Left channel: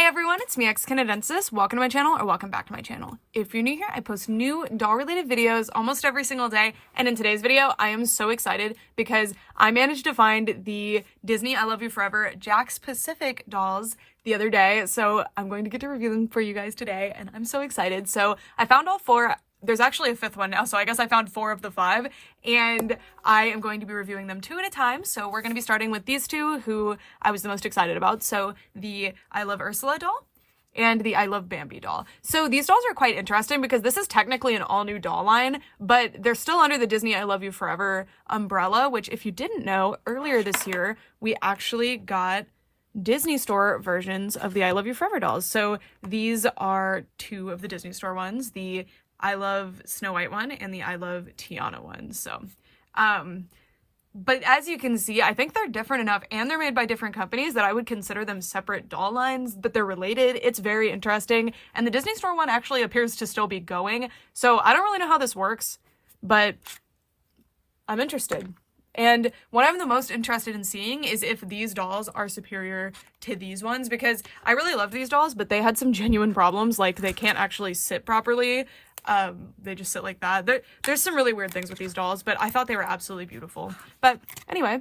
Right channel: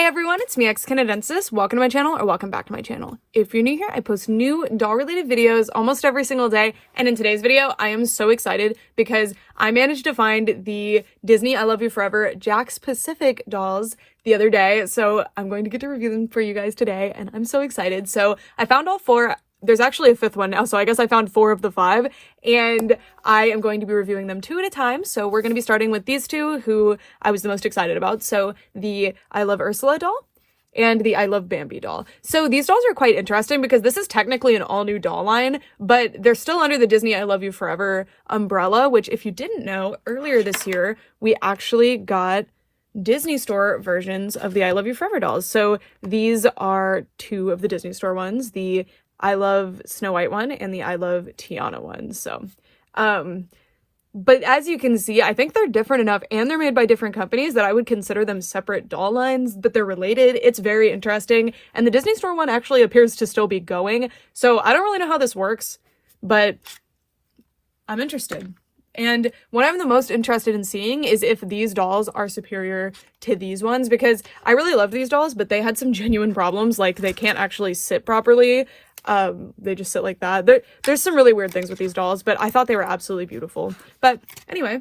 Hey everyone, it's me, Canadensis. Welcome to my channel, or welcome back to my channel. If you're new here, I post new doll-related videos almost every single day, and in today's video, I am so excited because I managed to find the Disney I Love You Forever JAKKS Pacific dolls the other day, so I'm going to get to review them for you guys today, and I'm so excited. So I found all four. There's actually a fifth one now, so I guess I found 4 of the 5, and I am going to be reviewing them 2 at a time. So we're going to be starting with these 2 who I was the most excited about. So the I Love Ursula doll and the I Love Bambi doll. So these dolls are quite interesting because this is technically an all-new doll line, but they're still under the Disney I Love You Forever umbrella, which if you didn't know, earlier this year, we actually got Disney Store versions of the I Love You Forever dolls. So these are 2 of the Disney Store ones, the I Love Snow White one and the I Love Tiana one. So, but as you can see, I think they're different enough and they're made by different companies that I would consider them separate doll lines, but they're related. It's very interesting. And the Disney Store one actually appears to still be going. So I don't really know how this works, but I'm interested. And what I'm the most interested in seeing is if these dolls are superior to these ones, because I really love these dolls, but they had some genuine problems, like they can't actually sit properly. They just sit like that. There's some really weird things with these dolls, but I thought they were absolutely beautiful. But anyway,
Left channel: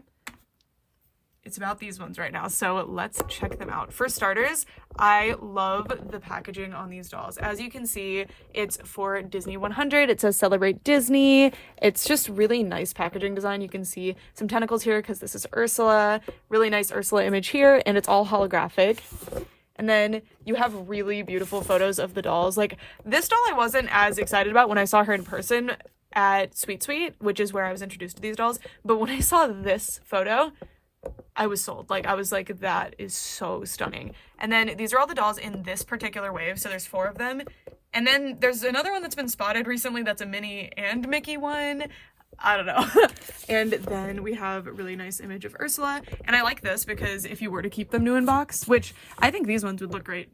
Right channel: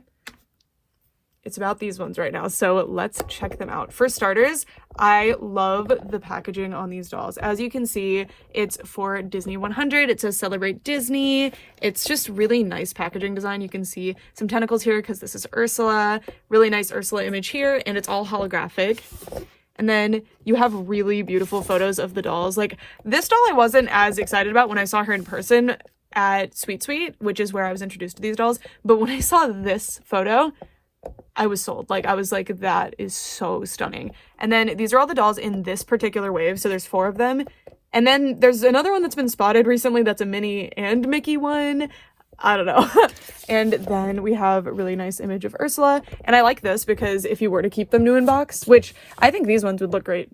it's about these ones right now, so let's check them out. For starters, I love the packaging on these dolls. As you can see, it's for Disney 100. It says Celebrate Disney. It's just really nice packaging design. You can see some tentacles here because this is Ursula. Really nice Ursula image here, and it's all holographic. And then you have really beautiful photos of the dolls. Like, this doll I wasn't as excited about when I saw her in person at Sweet Sweet, which is where I was introduced to these dolls. But when I saw this photo, I was sold. Like, I was like, that is so stunning. And then these are all the dolls in this particular wave. So there's 4 of them. And then there's another one that's been spotted recently that's a Minnie and Mickey one. I don't know. And then we have a really nice image of Ursula. And I like this because if you were to keep them new in box, which I think these ones would look great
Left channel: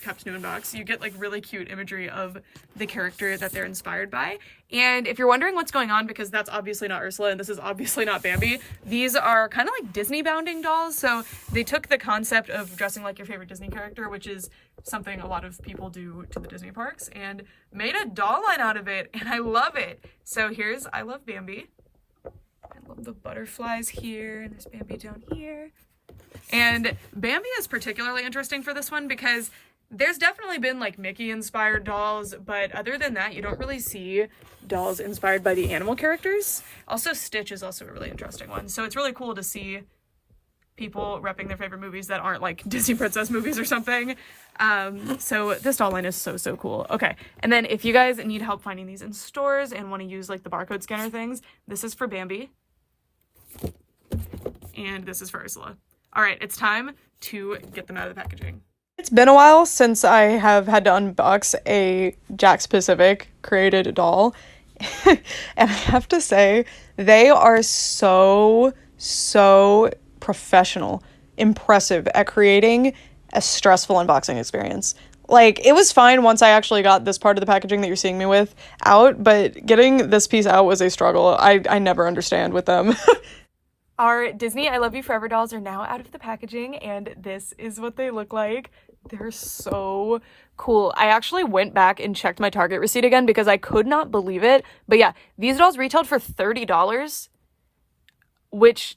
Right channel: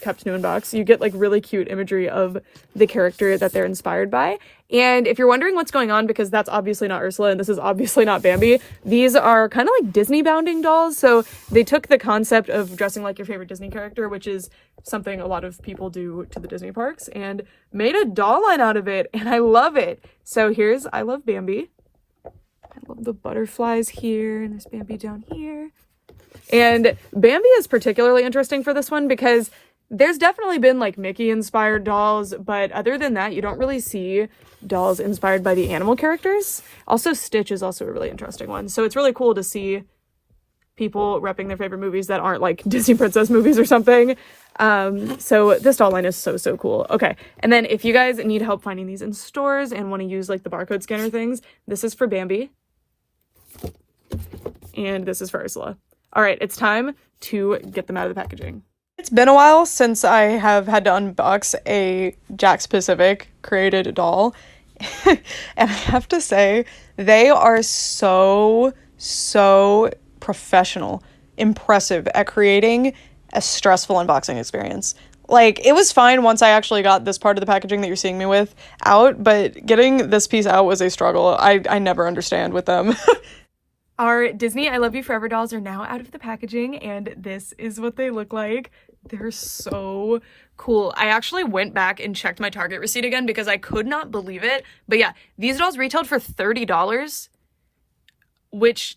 kept new in box, you get like really cute imagery of the character that they're inspired by. And if you're wondering what's going on, because that's obviously not Ursula and this is obviously not Bambi, these are kind of like Disneybounding dolls. So they took the concept of dressing like your favorite Disney character, which is something a lot of people do to the Disney parks, and made a doll line out of it, and I love it. So here's I Love Bambi. I love the butterflies here, and there's Bambi down here. And Bambi is particularly interesting for this one because there's definitely been like Mickey inspired dolls, but other than that, you don't really see dolls inspired by the animal characters. Also, Stitch is also a really interesting one. So it's really cool to see people repping their favorite movies that aren't like Disney princess movies or something. So this doll line is so cool. Okay, and then if you guys need help finding these in stores and want to use like the barcode scanner things, this is for Bambi. And this is for Ursula. All right, it's time to get them out of the packaging. It's been a while since I have had to unbox a JAKKS Pacific created doll. And I have to say, they are so professional, impressive at creating a stressful unboxing experience. Like, it was fine once I actually got this part of the packaging that you're seeing me with out, but getting this piece out was a struggle. I never understand with them. Our Disney I Love You Forever dolls are now out of the packaging, and this is what they look like. They're so cool. I actually went back and checked my Target receipt again because I could not believe it. But yeah, these dolls retailed for $30, which,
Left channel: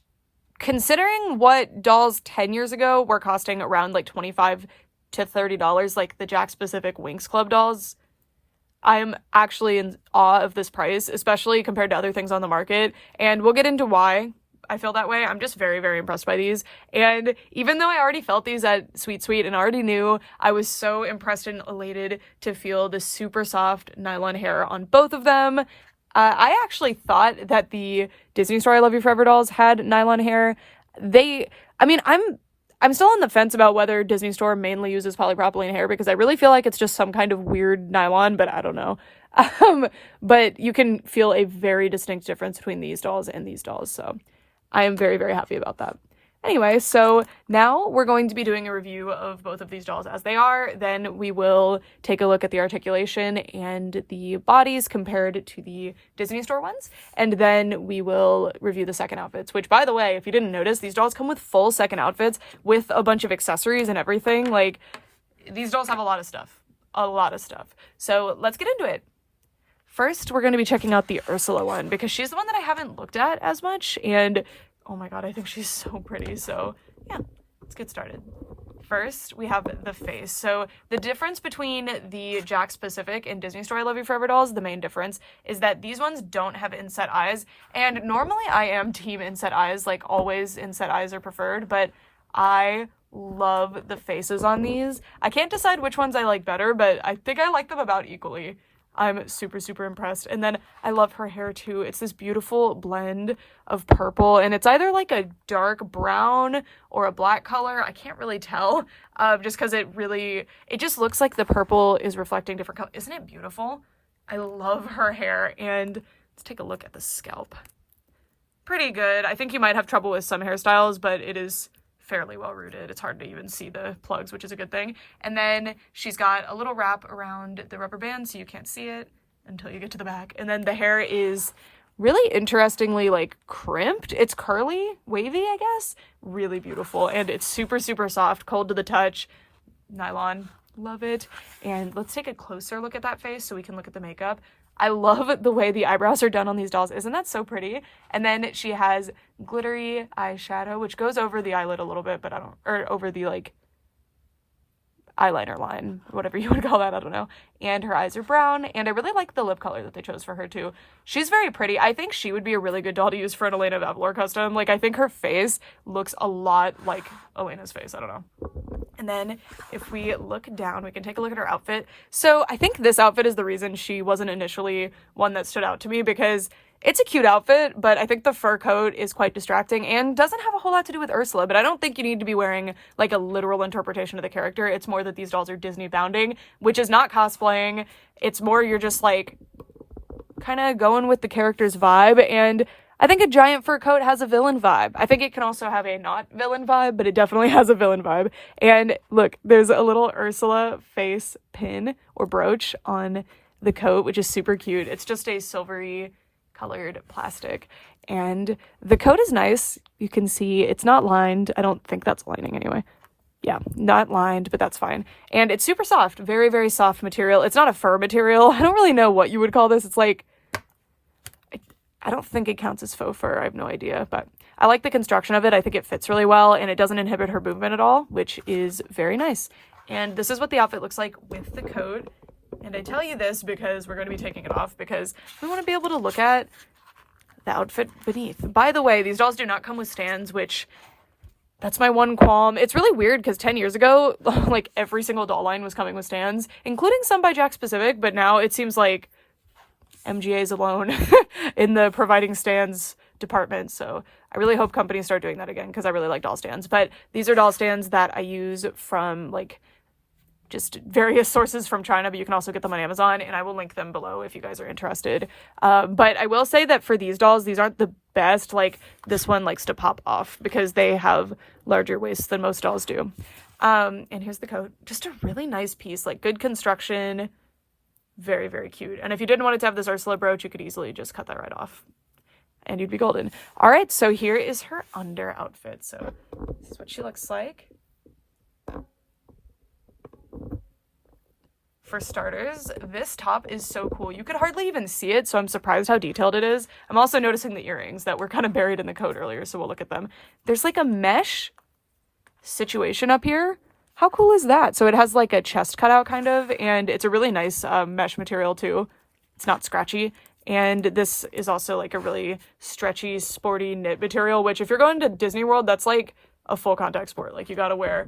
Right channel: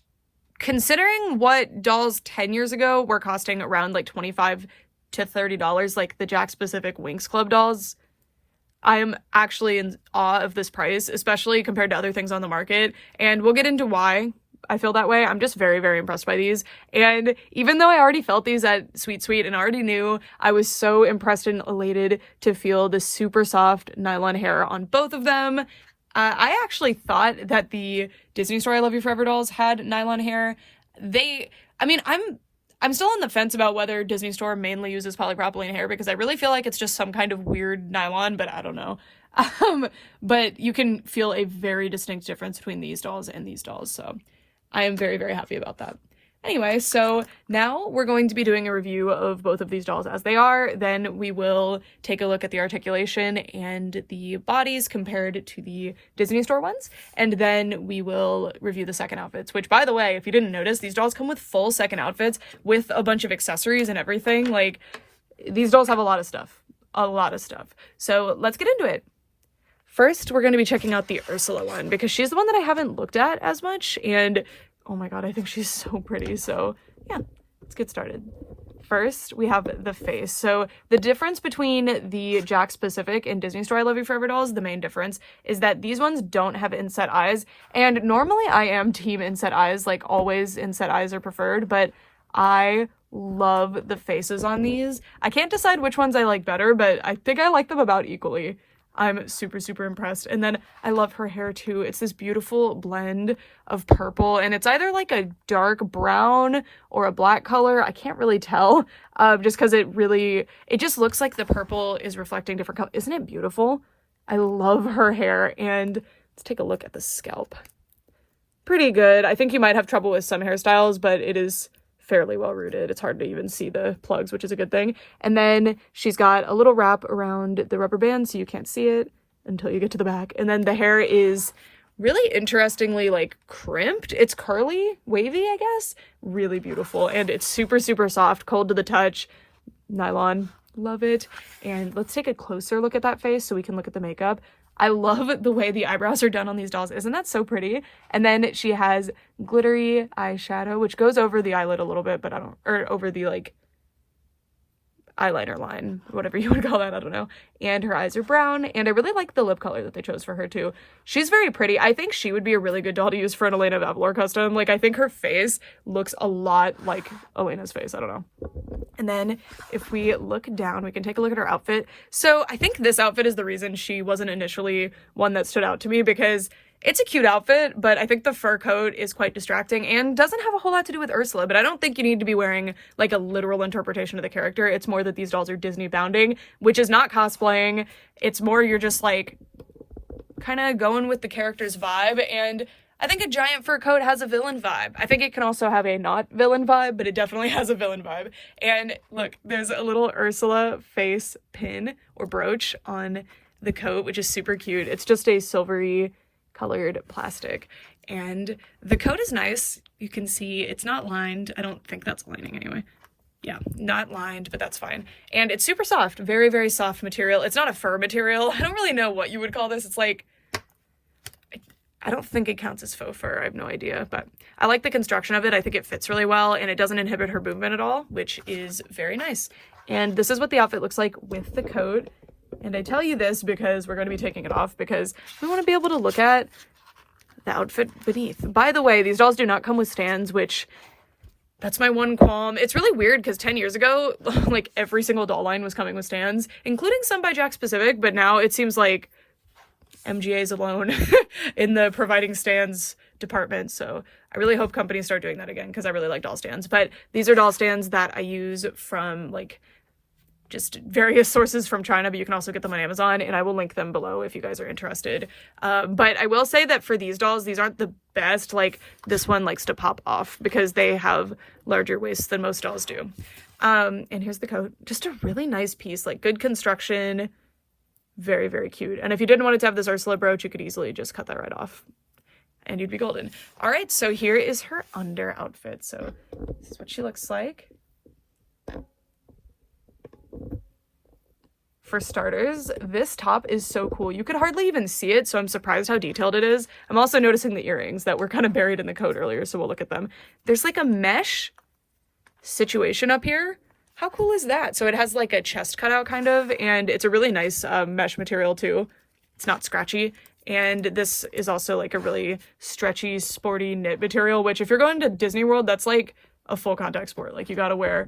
considering what dolls 10 years ago were costing around like $25 to $30, like the JAKKS Pacific Winx Club dolls, I'm actually in awe of this price, especially compared to other things on the market. And we'll get into why I feel that way. I'm just very impressed by these. And even though I already felt these at Sweet Sweet and already knew, I was so impressed and elated to feel the super soft nylon hair on both of them. I actually thought that the Disney Store I Love You Forever dolls had nylon hair. I'm still on the fence about whether Disney Store mainly uses polypropylene hair because I really feel like it's just some kind of weird nylon, but I don't know. But you can feel a very distinct difference between these dolls and these dolls, so I am very happy about that. Anyway, so now we're going to be doing a review of both of these dolls as they are. Then we will take a look at the articulation and the bodies compared to the Disney Store ones. And then we will review the second outfits, which, by the way, if you didn't notice, these dolls come with full second outfits with a bunch of accessories and everything. Like, these dolls have a lot of stuff. So let's get into it. First, we're going to be checking out the Ursula one because she's the one that I haven't looked at as much. And oh my god, I think she's so pretty. So yeah, let's get started. First, we have the face. So the difference between the JAKKS Pacific and Disney Store I Love You Forever dolls, the main difference is that these ones don't have inset eyes. And normally I am team inset eyes, like always inset eyes are preferred, but I love the faces on these. I can't decide which ones I like better, but I think I like them about equally. I'm super, super impressed. And then I love her hair too. It's this beautiful blend of purple, and it's either like a dark brown or a black color. I can't really tell, just because it just looks like the purple is reflecting different colors. Isn't it beautiful? I love her hair. And let's take a look at the scalp. Pretty good. I think you might have trouble with some hairstyles, but it is fairly well rooted. It's hard to even see the plugs, which is a good thing. And then she's got a little wrap around the rubber band so you can't see it until you get to the back. And then the hair is really interestingly like crimped. It's curly, wavy, I guess. Really beautiful. And it's super, super soft, cold to the touch. Nylon. Love it. And let's take a closer look at that face so we can look at the makeup. I love the way the eyebrows are done on these dolls. Isn't that so pretty? And then she has glittery eyeshadow, which goes over the eyelid a little bit, but or over the like eyeliner line, whatever you would call that, I don't know. And her eyes are brown, and I really like the lip color that they chose for her too. She's very pretty. I think she would be a really good doll to use for an Elena Vavilor custom. Like, I think her face looks a lot like Elena's face. I don't know. And then if we look down, we can take a look at her outfit. So I think this outfit is the reason she wasn't initially one that stood out to me, because it's a cute outfit, but I think the fur coat is quite distracting and doesn't have a whole lot to do with Ursula. But I don't think you need to be wearing like a literal interpretation of the character. It's more that these dolls are Disneybounding, which is not cosplaying. It's more you're just like kind of going with the character's vibe. And I think a giant fur coat has a villain vibe. I think it can also have a not villain vibe, but it definitely has a villain vibe. And look, there's a little Ursula face pin or brooch on the coat, which is super cute. It's just a silvery colored plastic, and the coat is nice. You can see it's not lined. I don't think that's lining anyway. Yeah, not lined, but that's fine. And it's super soft, very, very soft material. It's not a fur material. I don't really know what you would call this. It's like, I don't think it counts as faux fur. I have no idea, but I like the construction of it. I think it fits really well, and it doesn't inhibit her movement at all, which is very nice. And this is what the outfit looks like with the coat. And I tell you this because we're going to be taking it off, because we want to be able to look at the outfit beneath. By the way, these dolls do not come with stands, which that's my one qualm. It's really weird because 10 years ago, like every single doll line was coming with stands, including some by JAKKS Pacific, but now it seems like MGA's alone in the providing stands department. So I really hope companies start doing that again, because I really like doll stands. But these are doll stands that I use from like just various sources from China, but you can also get them on Amazon, and I will link them below if you guys are interested. But I will say that for these dolls, these aren't the best. Like, this one likes to pop off because they have larger waists than most dolls do. And here's the coat. Just a really nice piece, like good construction. Very, very cute. And if you didn't want it to have this Ursula brooch, you could easily just cut that right off and you'd be golden. All right, so here is her under outfit. So this is what she looks like. For starters, this top is so cool. You could hardly even see it, so I'm surprised how detailed it is. I'm also noticing the earrings that were kind of buried in the coat earlier, so we'll look at them. There's like a mesh situation up here. How cool is that? So it has like a chest cutout kind of, and it's a really nice mesh material too. It's not scratchy. And this is also like a really stretchy, sporty knit material, which if you're going to Disney World, that's like a full contact sport. Like, you gotta wear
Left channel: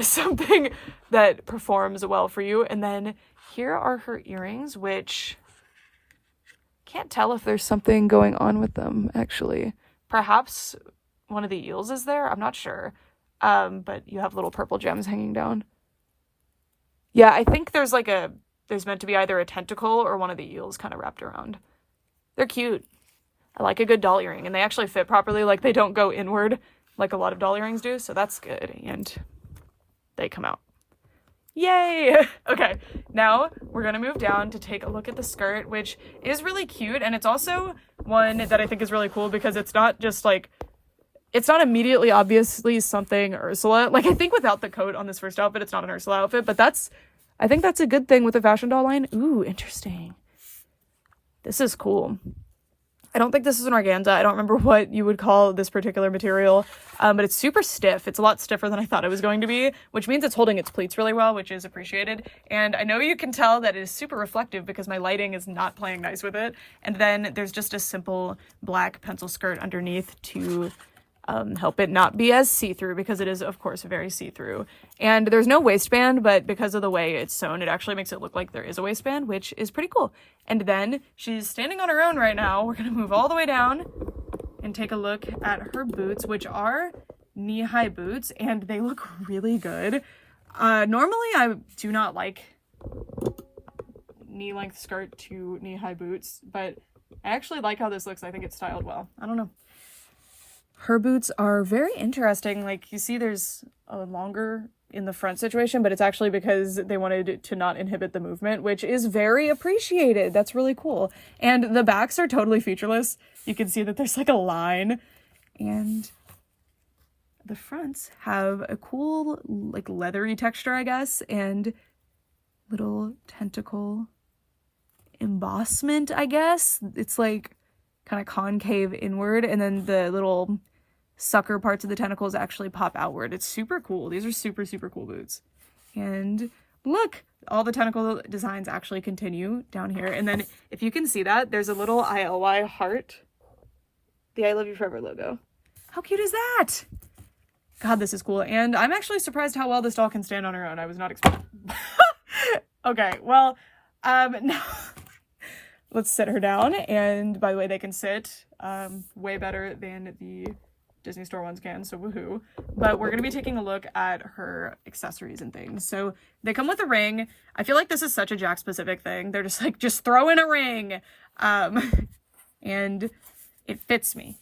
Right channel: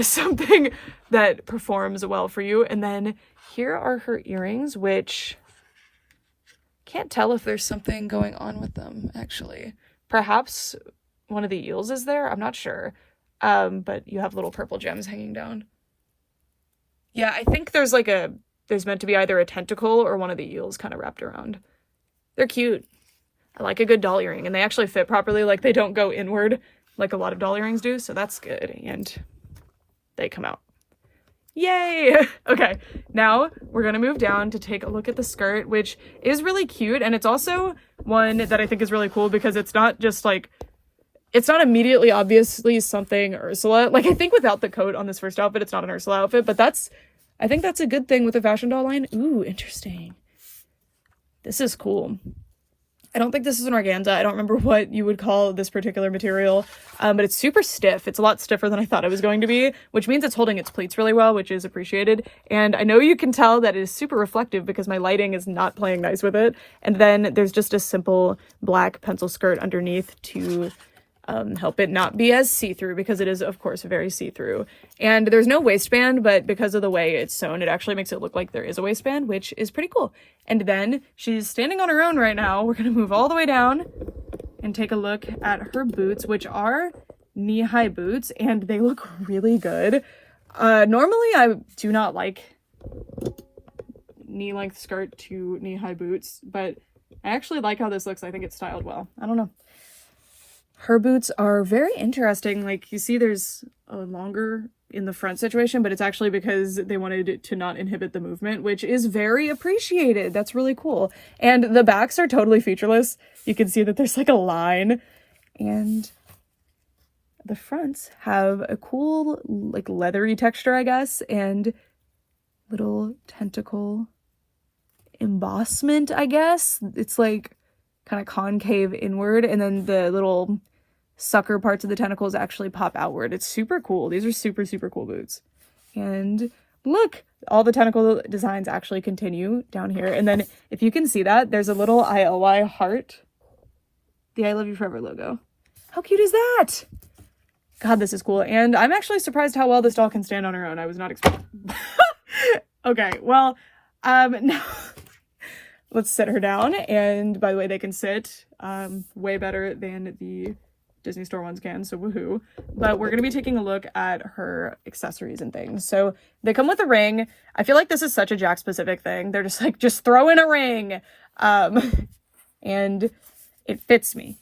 something that performs well for you. And then here are her earrings, which can't tell if there's something going on with them, actually. Perhaps one of the eels is there, I'm not sure. But you have little purple gems hanging down. Yeah, I think there's meant to be either a tentacle or one of the eels kind of wrapped around. They're cute. I like a good doll earring, and they actually fit properly. Like, they don't go inward like a lot of doll earrings do, so that's good. And they come out. Yay! Okay, now we're gonna move down to take a look at the skirt, which is really cute, and it's also one that I think is really cool because it's not just like it's not immediately obviously something Ursula. Like, I think without the coat on this first outfit, it's not an Ursula outfit, but I think that's a good thing with a fashion doll line. Ooh, interesting. This is cool. I don't think this is an organza. I don't remember what you would call this particular material, but it's super stiff. It's a lot stiffer than I thought it was going to be, which means it's holding its pleats really well, which is appreciated. And I know you can tell that it is super reflective because my lighting is not playing nice with it. And then there's just a simple black pencil skirt underneath to help it not be as see-through, because it is, of course, very see-through. And there's no waistband, but because of the way it's sewn, it actually makes it look like there is a waistband, which is pretty cool. And then she's standing on her own right now. We're going to move all the way down and take a look at her boots, which are knee-high boots, and they look really good. Normally, I do not like knee-length skirt to knee-high boots, but I actually like how this looks. I think it's styled well. I don't know. Her boots are very interesting. Like, you see there's a longer in the front situation, but it's actually because they wanted to not inhibit the movement, which is very appreciated. That's really cool. And the backs are totally featureless. You can see that there's like a line, and the fronts have a cool, like, leathery texture, I guess, and little tentacle embossment, I guess. It's like kind of concave inward, and then the little sucker parts of the tentacles actually pop outward. It's super cool. These are super, super cool boots. And look, all the tentacle designs actually continue down here. And then if you can see that, there's a little ILY heart, the I Love You Forever logo. How cute is that? God, this is cool. And I'm actually surprised how well this doll can stand on her own. I was not expecting. Okay, well, no. Let's sit her down. And by the way, they can sit way better than the Disney store ones can, so woohoo. But we're going to be taking a look at her accessories and things. So they come with a ring. I feel like this is such a JAKKS specific thing. They're just like, just throw in a ring. And it fits me.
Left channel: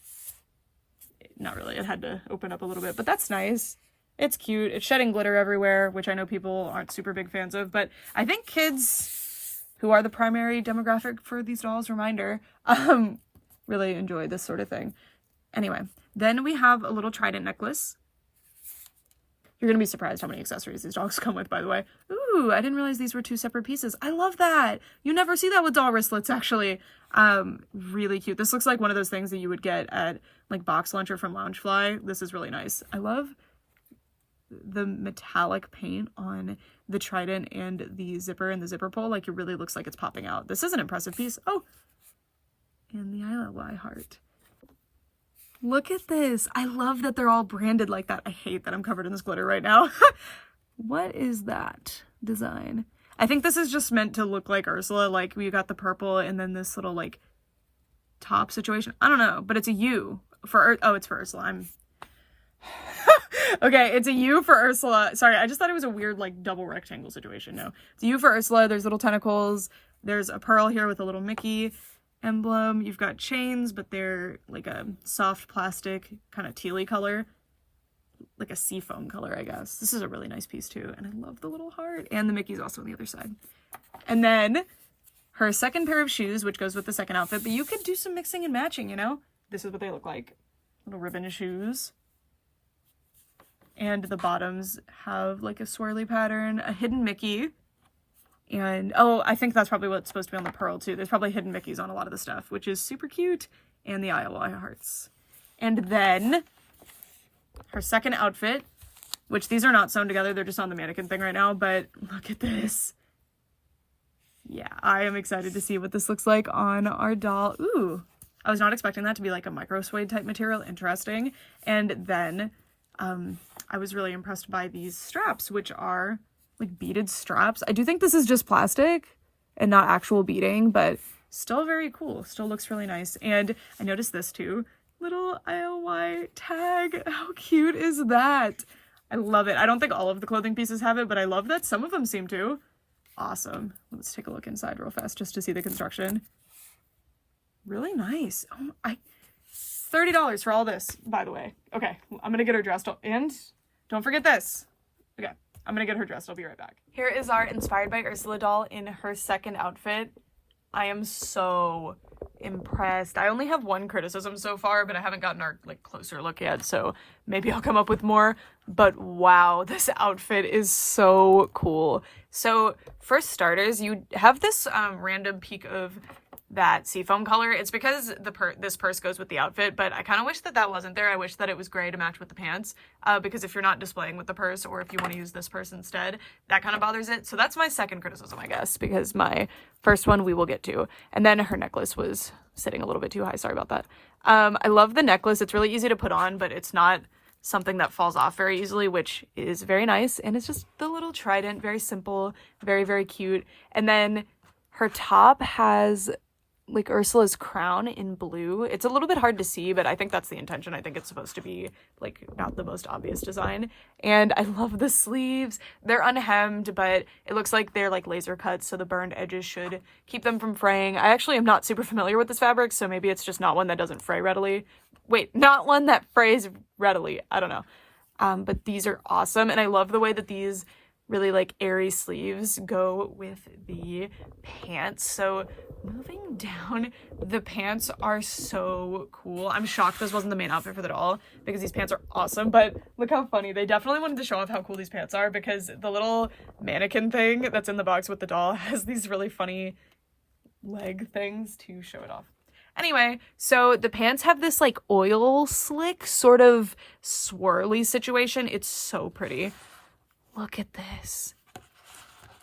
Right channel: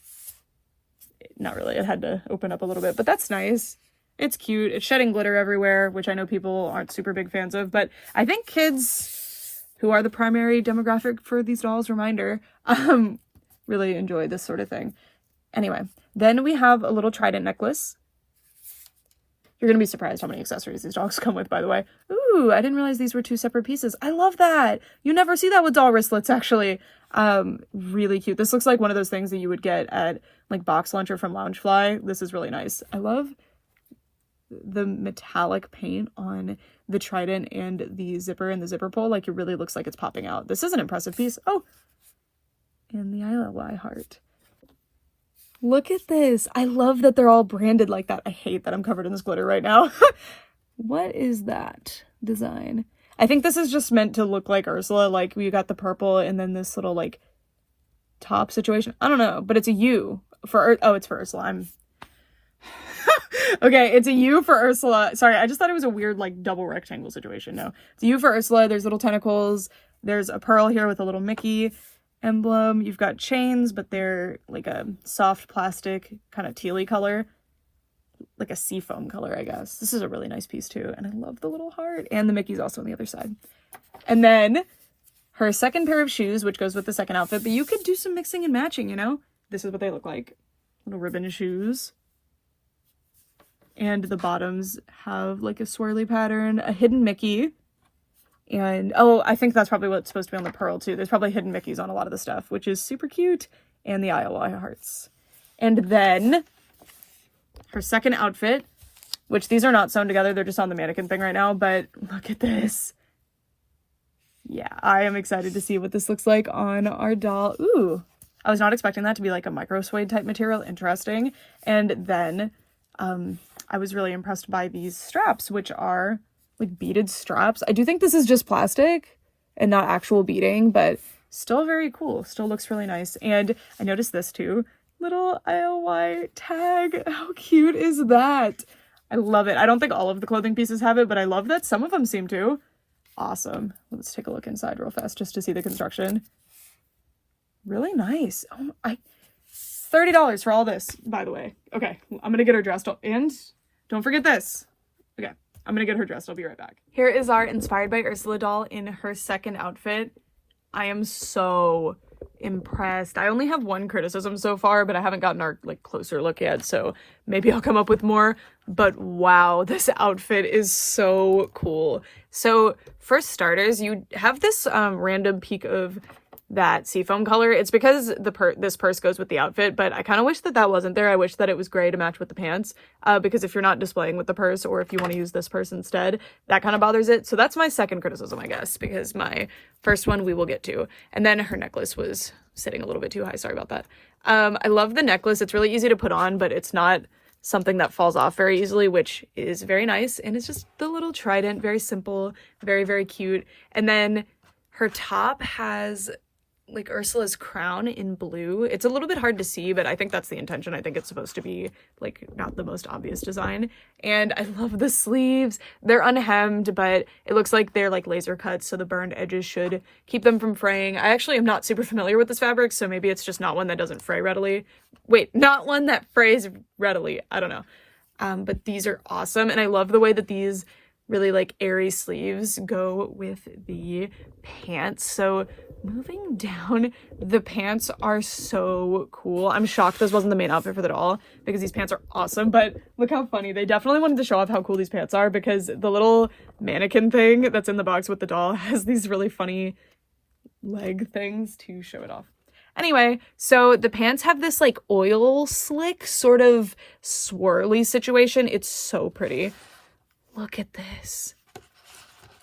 Not really. It had to open up a little bit, but that's nice. It's cute. It's shedding glitter everywhere, which I know people aren't super big fans of, but I think kids, who are the primary demographic for these dolls, reminder, really enjoy this sort of thing. Anyway, then we have a little trident necklace. You're going to be surprised how many accessories these dolls come with, by the way. Ooh, I didn't realize these were two separate pieces. I love that. You never see that with doll wristlets, actually. Really cute. This looks like one of those things that you would get at like Box Lunch or from Loungefly. This is really nice. I love the metallic paint on the trident and the zipper and the zipper pull. Like, it really looks like it's popping out. This is an impressive piece. Oh, and the ILY heart. Look at this. I love that they're all branded like that. I hate that I'm covered in this glitter right now. What is that design? I think this is just meant to look like Ursula. Like, we got the purple and then this little like top situation. I don't know, but it's a U for, oh, it's for Ursula. Okay, it's a U for Ursula. Sorry, I just thought it was a weird like double rectangle situation. No, it's a U for Ursula. There's little tentacles. There's a pearl here with a little Mickey emblem. You've got chains, but they're like a soft plastic kind of tealy color, like a seafoam color, I guess. This is a really nice piece too, and I love the little heart, and the Mickey's also on the other side. And then her second pair of shoes, which goes with the second outfit, but you could do some mixing and matching, you know? This is what they look like. Little ribbon shoes. And the bottoms have like a swirly pattern, a hidden Mickey. And, oh, I think that's probably what's supposed to be on the pearl too. There's probably hidden Mickeys on a lot of the stuff, which is super cute. And the ILY hearts. And then her second outfit, which these are not sewn together. They're just on the mannequin thing right now, but look at this. Yeah, I am excited to see what this looks like on our doll. Ooh, I was not expecting that to be like a micro suede type material. Interesting. And then I was really impressed by these straps, which are like beaded straps. I do think this is just plastic and not actual beading, but still very cool. Still looks really nice. And I noticed this too. Little ILY tag. How cute is that? I love it. I don't think all of the clothing pieces have it, but I love that some of them seem to. Awesome. Let's take a look inside real fast just to see the construction. Really nice. Oh, $30 for all this, by the way. Okay, I'm gonna get her dressed. And don't forget this. Okay, I'm gonna get her dressed. I'll be right back. Here is our Inspired by Ursula doll in her second outfit. I am so impressed. I only have one criticism so far, but I haven't gotten our like closer look yet, so maybe I'll come up with more. But wow, this outfit is so cool. So for starters, you have this random peak of that seafoam color. It's because this purse goes with the outfit, but I kind of wish that that wasn't there. I wish that it was gray to match with the pants, because if you're not displaying with the purse, or if you want to use this purse instead, that kind of bothers it. So that's my second criticism, I guess, because my first one we will get to. And then her necklace was sitting a little bit too high. Sorry about that. I love the necklace. It's really easy to put on, but it's not something that falls off very easily, which is very nice. And it's just the little trident, very simple, very, very cute. And then her top has like Ursula's crown in blue. It's a little bit hard to see, but I think that's the intention. I think it's supposed to be like not the most obvious design. And I love the sleeves. They're unhemmed, but it looks like they're like laser cuts, so the burned edges should keep them from fraying. I actually am not super familiar with this fabric, so maybe it's just not one that doesn't fray readily. Wait, not one that frays readily. I don't know. But these are awesome, and I love the way that these really like airy sleeves go with the pants. So moving down, the pants are so cool. I'm shocked this wasn't the main outfit for the doll, because these pants are awesome, but look how funny. They definitely wanted to show off how cool these pants are, because the little mannequin thing that's in the box with the doll has these really funny leg things to show it off. Anyway, so the pants have this like oil slick sort of swirly situation. It's so pretty. Look at this.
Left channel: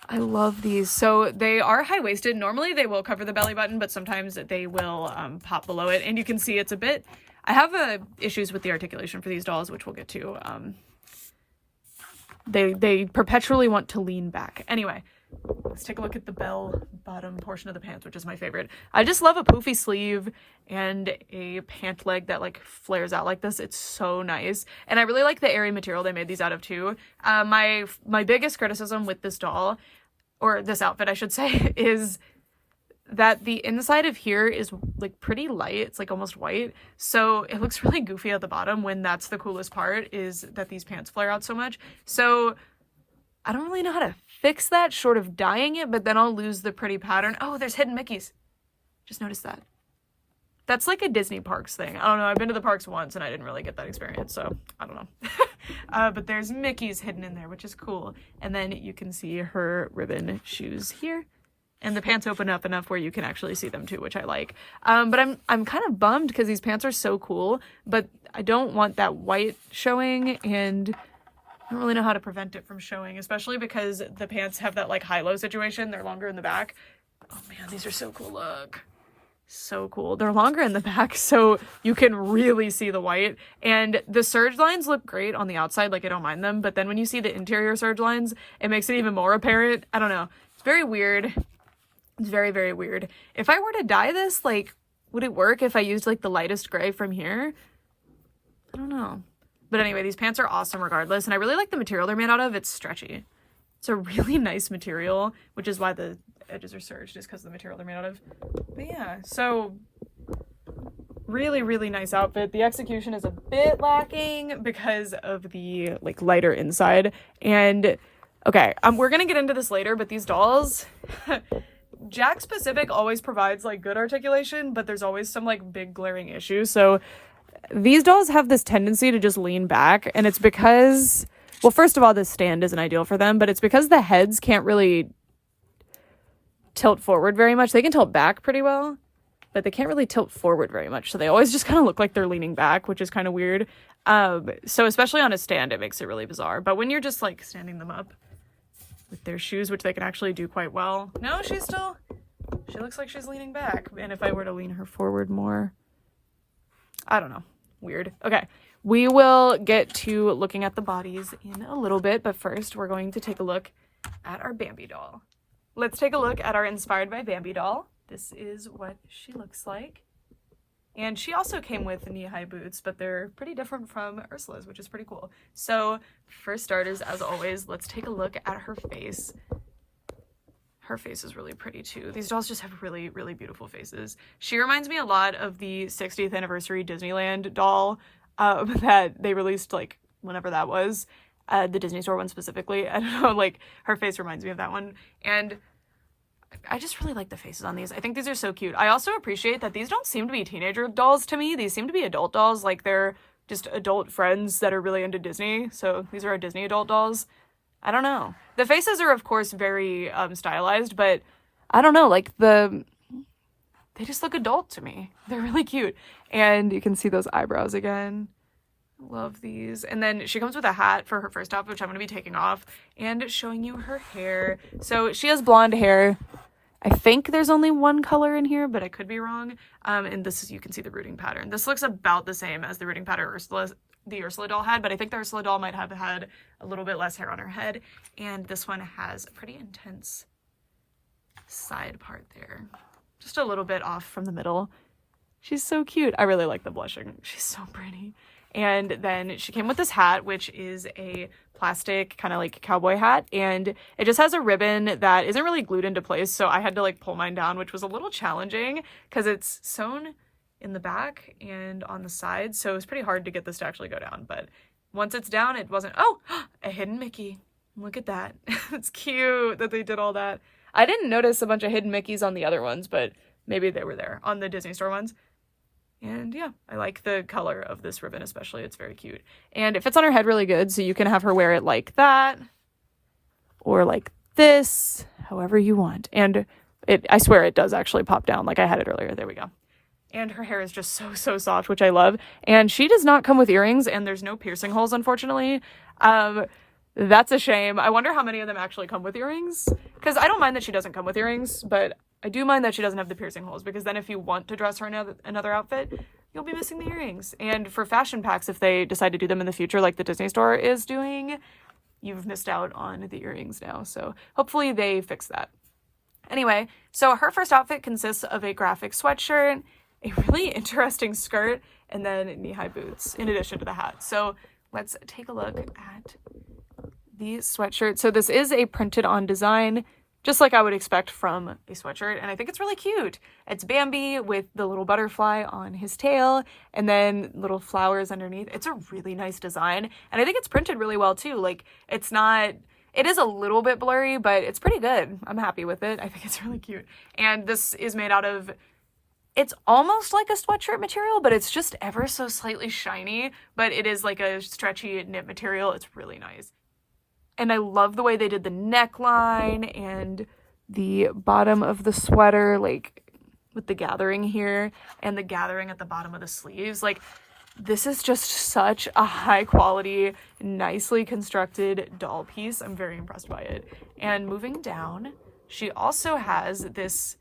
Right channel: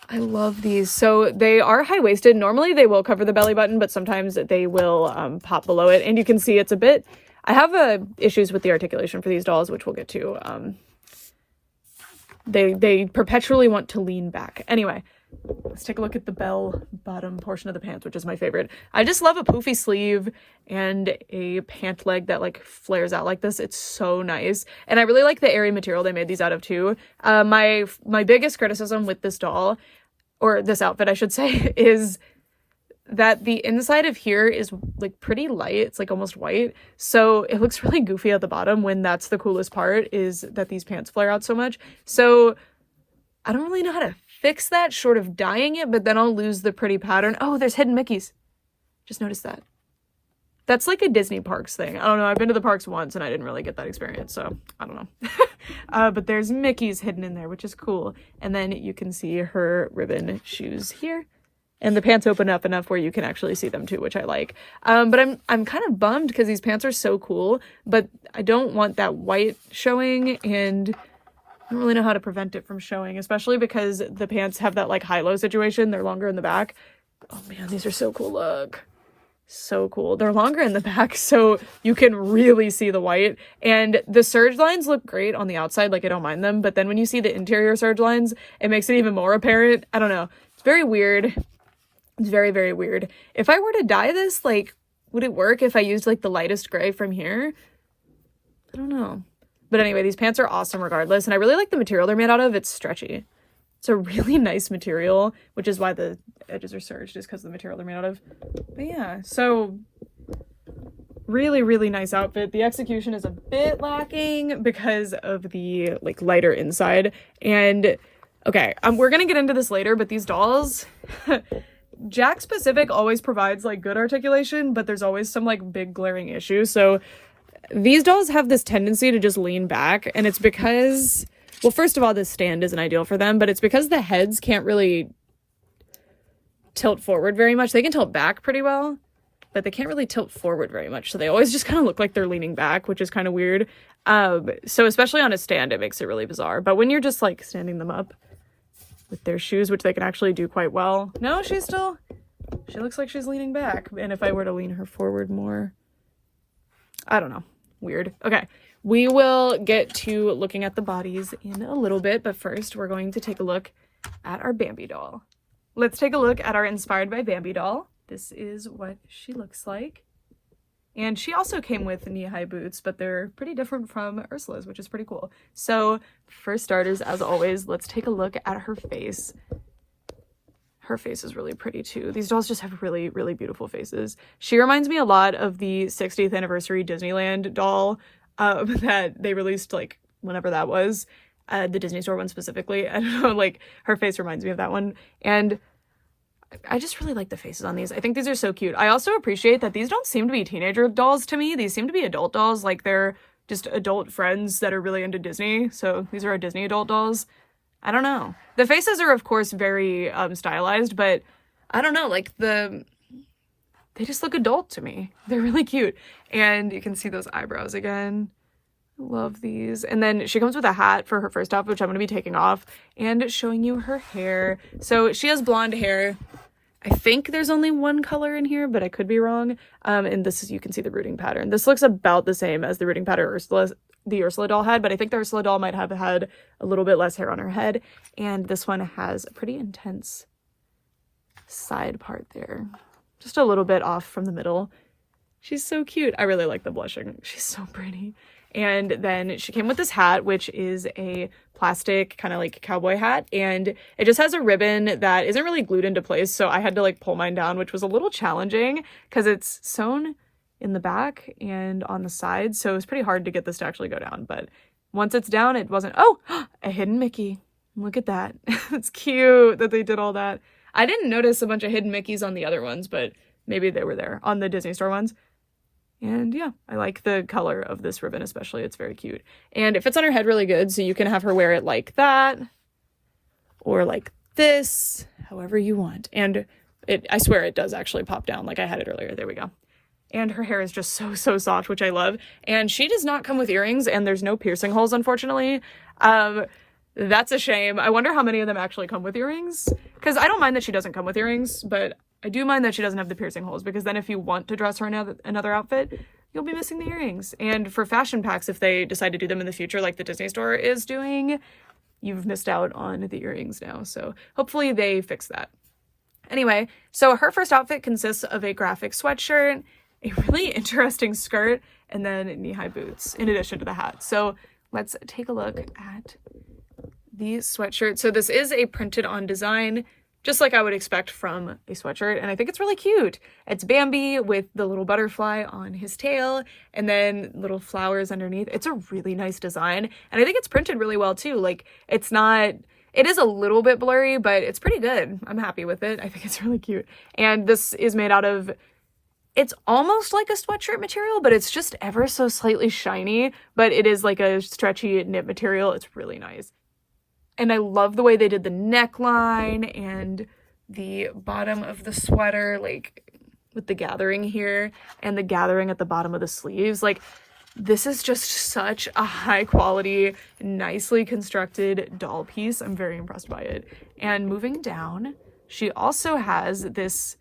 I love these. So they are high-waisted. Normally they will cover the belly button, but sometimes they will pop below it. And you can see it's a bit... I have issues with the articulation for these dolls, which we'll get to. They perpetually want to lean back. Anyway, let's take a look at the bell bottom portion of the pants, which is my favorite. I just love a poofy sleeve and a pant leg that like flares out like this. It's so nice. And I really like the airy material they made these out of too. My biggest criticism with this doll, or this outfit I should say, is that the inside of here is like pretty light. It's like almost white. So it looks really goofy at the bottom, when that's the coolest part, is that these pants flare out so much. So I don't really know how to fix that short of dyeing it, but then I'll lose the pretty pattern. Oh, there's hidden Mickeys. Just noticed that. That's like a Disney parks thing. I don't know. I've been to the parks once and I didn't really get that experience, so I don't know. But there's Mickey's hidden in there, which is cool. And then you can see her ribbon shoes here. And the pants open up enough where you can actually see them too, which I like. But I'm kind of bummed because these pants are so cool, but I don't want that white showing, and I don't really know how to prevent it from showing, especially because the pants have that like high-low situation. They're longer in the back. Oh man, these are so cool. Look. So cool. They're longer in the back, so you can really see the white. And the serge lines look great on the outside, like I don't mind them, but then when you see the interior serge lines, it makes it even more apparent. I don't know. It's very weird. It's very, very weird. If I were to dye this, like, would it work if I used like the lightest gray from here? I don't know. But anyway, these pants are awesome regardless, and I really like the material they're made out of. It's stretchy. It's a really nice material, which is why the edges are serged, is because of the material they're made out of. But yeah, so really, really nice outfit. The execution is a bit lacking because of the like lighter inside. And okay, we're gonna get into this later, but these dolls, JAKKS Pacific always provides like good articulation, but there's always some like big glaring issues. So these dolls have this tendency to just lean back, and it's because, well, first of all, this stand isn't ideal for them, but it's because the heads can't really tilt forward very much. They can tilt back pretty well, but they can't really tilt forward very much. So they always just kind of look like they're leaning back, which is kind of weird. So especially on a stand, it makes it really bizarre. But when you're just like standing them up with their shoes, which they can actually do quite well. No, she looks like she's leaning back. And if I were to lean her forward more, I don't know. Weird. Okay. We will get to looking at the bodies in a little bit, but first we're going to take a look at our Bambi doll. Let's take a look at our Inspired by Bambi doll. This is what she looks like. And she also came with knee-high boots, but they're pretty different from Ursula's, which is pretty cool. So for starters, as always, let's take a look at her face. Her face is really pretty too. These dolls just have really, really beautiful faces. She reminds me a lot of the 60th anniversary Disneyland doll that they released, like, whenever that was. The Disney store one specifically. I don't know, like, her face reminds me of that one. And I just really like the faces on these. I think these are so cute. I also appreciate that these don't seem to be teenager dolls to me. These seem to be adult dolls. Like they're just adult friends that are really into Disney. So these are our Disney adult dolls. I don't know. The faces are of course very stylized, but I don't know, like they just look adult to me. They're really cute. And you can see those eyebrows again. Love these. And then she comes with a hat for her first outfit, which I'm going to be taking off, and showing you her hair. So she has blonde hair. I think there's only one color in here, but I could be wrong. And this is, you can see the rooting pattern. This looks about the same as the rooting pattern the Ursula doll had, but I think the Ursula doll might have had a little bit less hair on her head. And this one has a pretty intense side part there. Just a little bit off from the middle. She's so cute. I really like the blushing. She's so pretty. And then she came with this hat, which is a plastic kind of like cowboy hat. And it just has a ribbon that isn't really glued into place. So I had to like pull mine down, which was a little challenging because it's sewn in the back and on the sides. So it was pretty hard to get this to actually go down. But once it's down, it wasn't, oh, a hidden Mickey. Look at that. It's cute that they did all that. I didn't notice a bunch of hidden Mickeys on the other ones, but maybe they were there on the Disney Store ones. And yeah, I like the color of this ribbon especially. It's very cute. And it fits on her head really good, so you can have her wear it like that or like this, however you want. And I swear it does actually pop down like I had it earlier. There we go. And her hair is just so soft, which I love. And she does not come with earrings, and there's no piercing holes, unfortunately. That's a shame. I wonder how many of them actually come with earrings, because I don't mind that she doesn't come with earrings, but I do mind that she doesn't have the piercing holes, because then if you want to dress her in another outfit, you'll be missing the earrings. And for fashion packs, if they decide to do them in the future, like the Disney Store is doing, you've missed out on the earrings now. So hopefully they fix that. Anyway, so her first outfit consists of a graphic sweatshirt, a really interesting skirt, and then knee-high boots in addition to the hat. So let's take a look at the sweatshirt. So this is a printed on design, just like I would expect from a sweatshirt, and I think it's really cute. It's Bambi with the little butterfly on his tail and then little flowers underneath. It's a really nice design, and I think it's printed really well too. Like, it is a little bit blurry, but it's pretty good. I'm happy with it. I think it's really cute. And this is made out of, it's almost like a sweatshirt material, but it's just ever so slightly shiny, but it is like a stretchy knit material. It's really nice. And I love the way they did the neckline and the bottom of the sweater, like with the gathering here and the gathering at the bottom of the sleeves. Like, this is just such a high quality, nicely constructed doll piece. I'm very impressed by it. And moving down, she also has this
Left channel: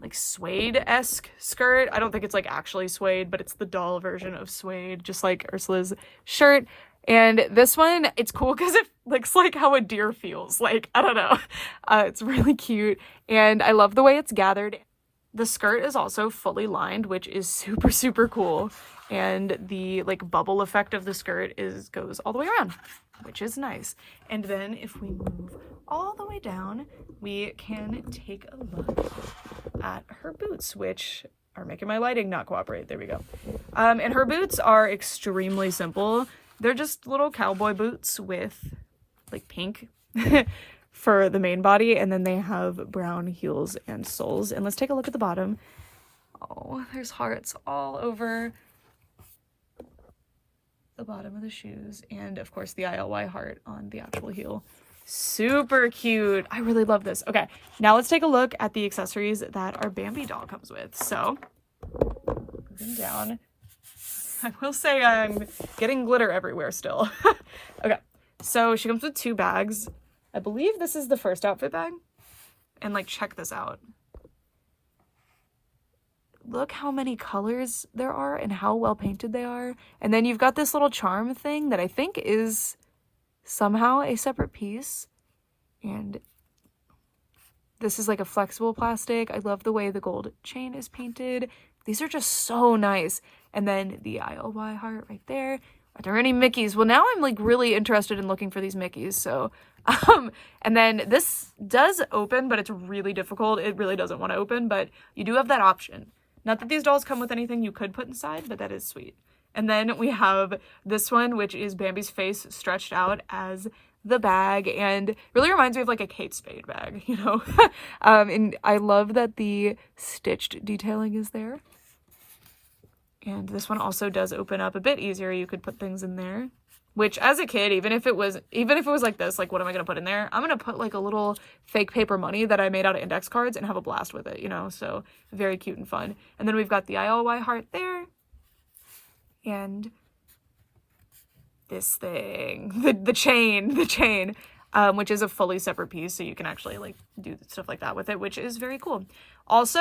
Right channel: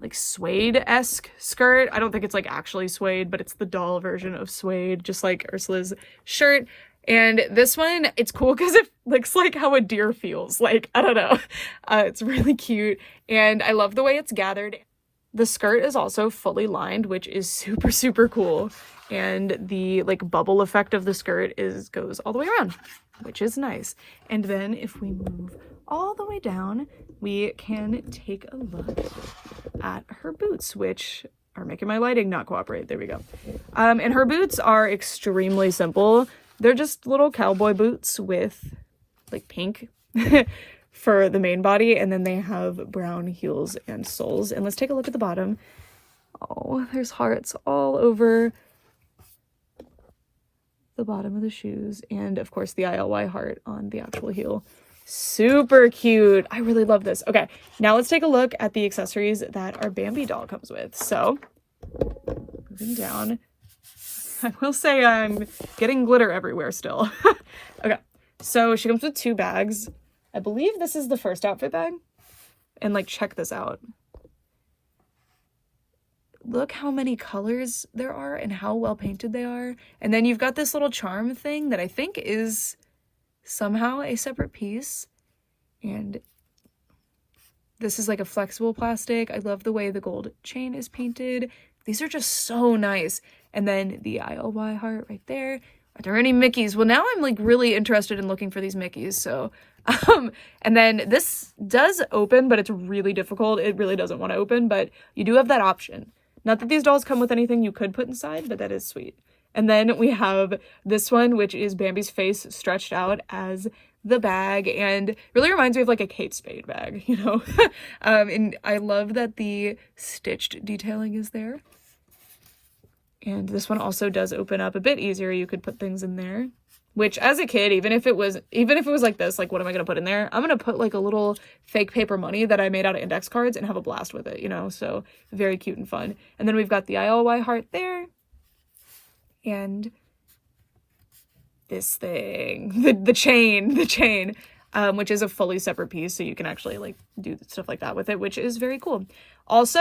like suede-esque skirt. I don't think it's like actually suede, but it's the doll version of suede, just like Ursula's shirt. And this one, it's cool because it looks like how a deer feels. Like, I don't know. It's really cute. And I love the way it's gathered. The skirt is also fully lined, which is super cool. And the like bubble effect of the skirt goes all the way around, which is nice. And then if we move all the way down, we can take a look at her boots, which are making my lighting not cooperate. There we go. And her boots are extremely simple. They're just little cowboy boots with like pink for the main body, and then they have brown heels and soles. And let's take a look at the bottom. Oh, there's hearts all over the bottom of the shoes, and of course the ILY heart on the actual heel. Super cute. I really love this. Okay, now let's take a look at the accessories that our Bambi doll comes with. So, moving down, I will say I'm getting glitter everywhere still. Okay, so she comes with 2 bags. I believe this is the first outfit bag. And like, check this out. Look how many colors there are and how well painted they are. And then you've got this little charm thing that I think is somehow a separate piece. And this is like a flexible plastic. I love the way the gold chain is painted. These are just so nice. And then the ILY heart right there. Are there any Mickeys? Well, now I'm like really interested in looking for these Mickeys. So, and then this does open, but it's really difficult. It really doesn't want to open, but you do have that option. Not that these dolls come with anything you could put inside, but that is sweet. And then we have this one, which is Bambi's face stretched out as the bag, and really reminds me of like a Kate Spade bag, you know. And I love that the stitched detailing is there. And this one also does open up a bit easier. You could put things in there, which as a kid, even if it was like this, like what am I going to put in there? I'm going to put like a little fake paper money that I made out of index cards and have a blast with it, you know? So very cute and fun. And then we've got the ILY heart there. And this thing, the chain, which is a fully separate piece. So you can actually like do stuff like that with it, which is very cool. Also,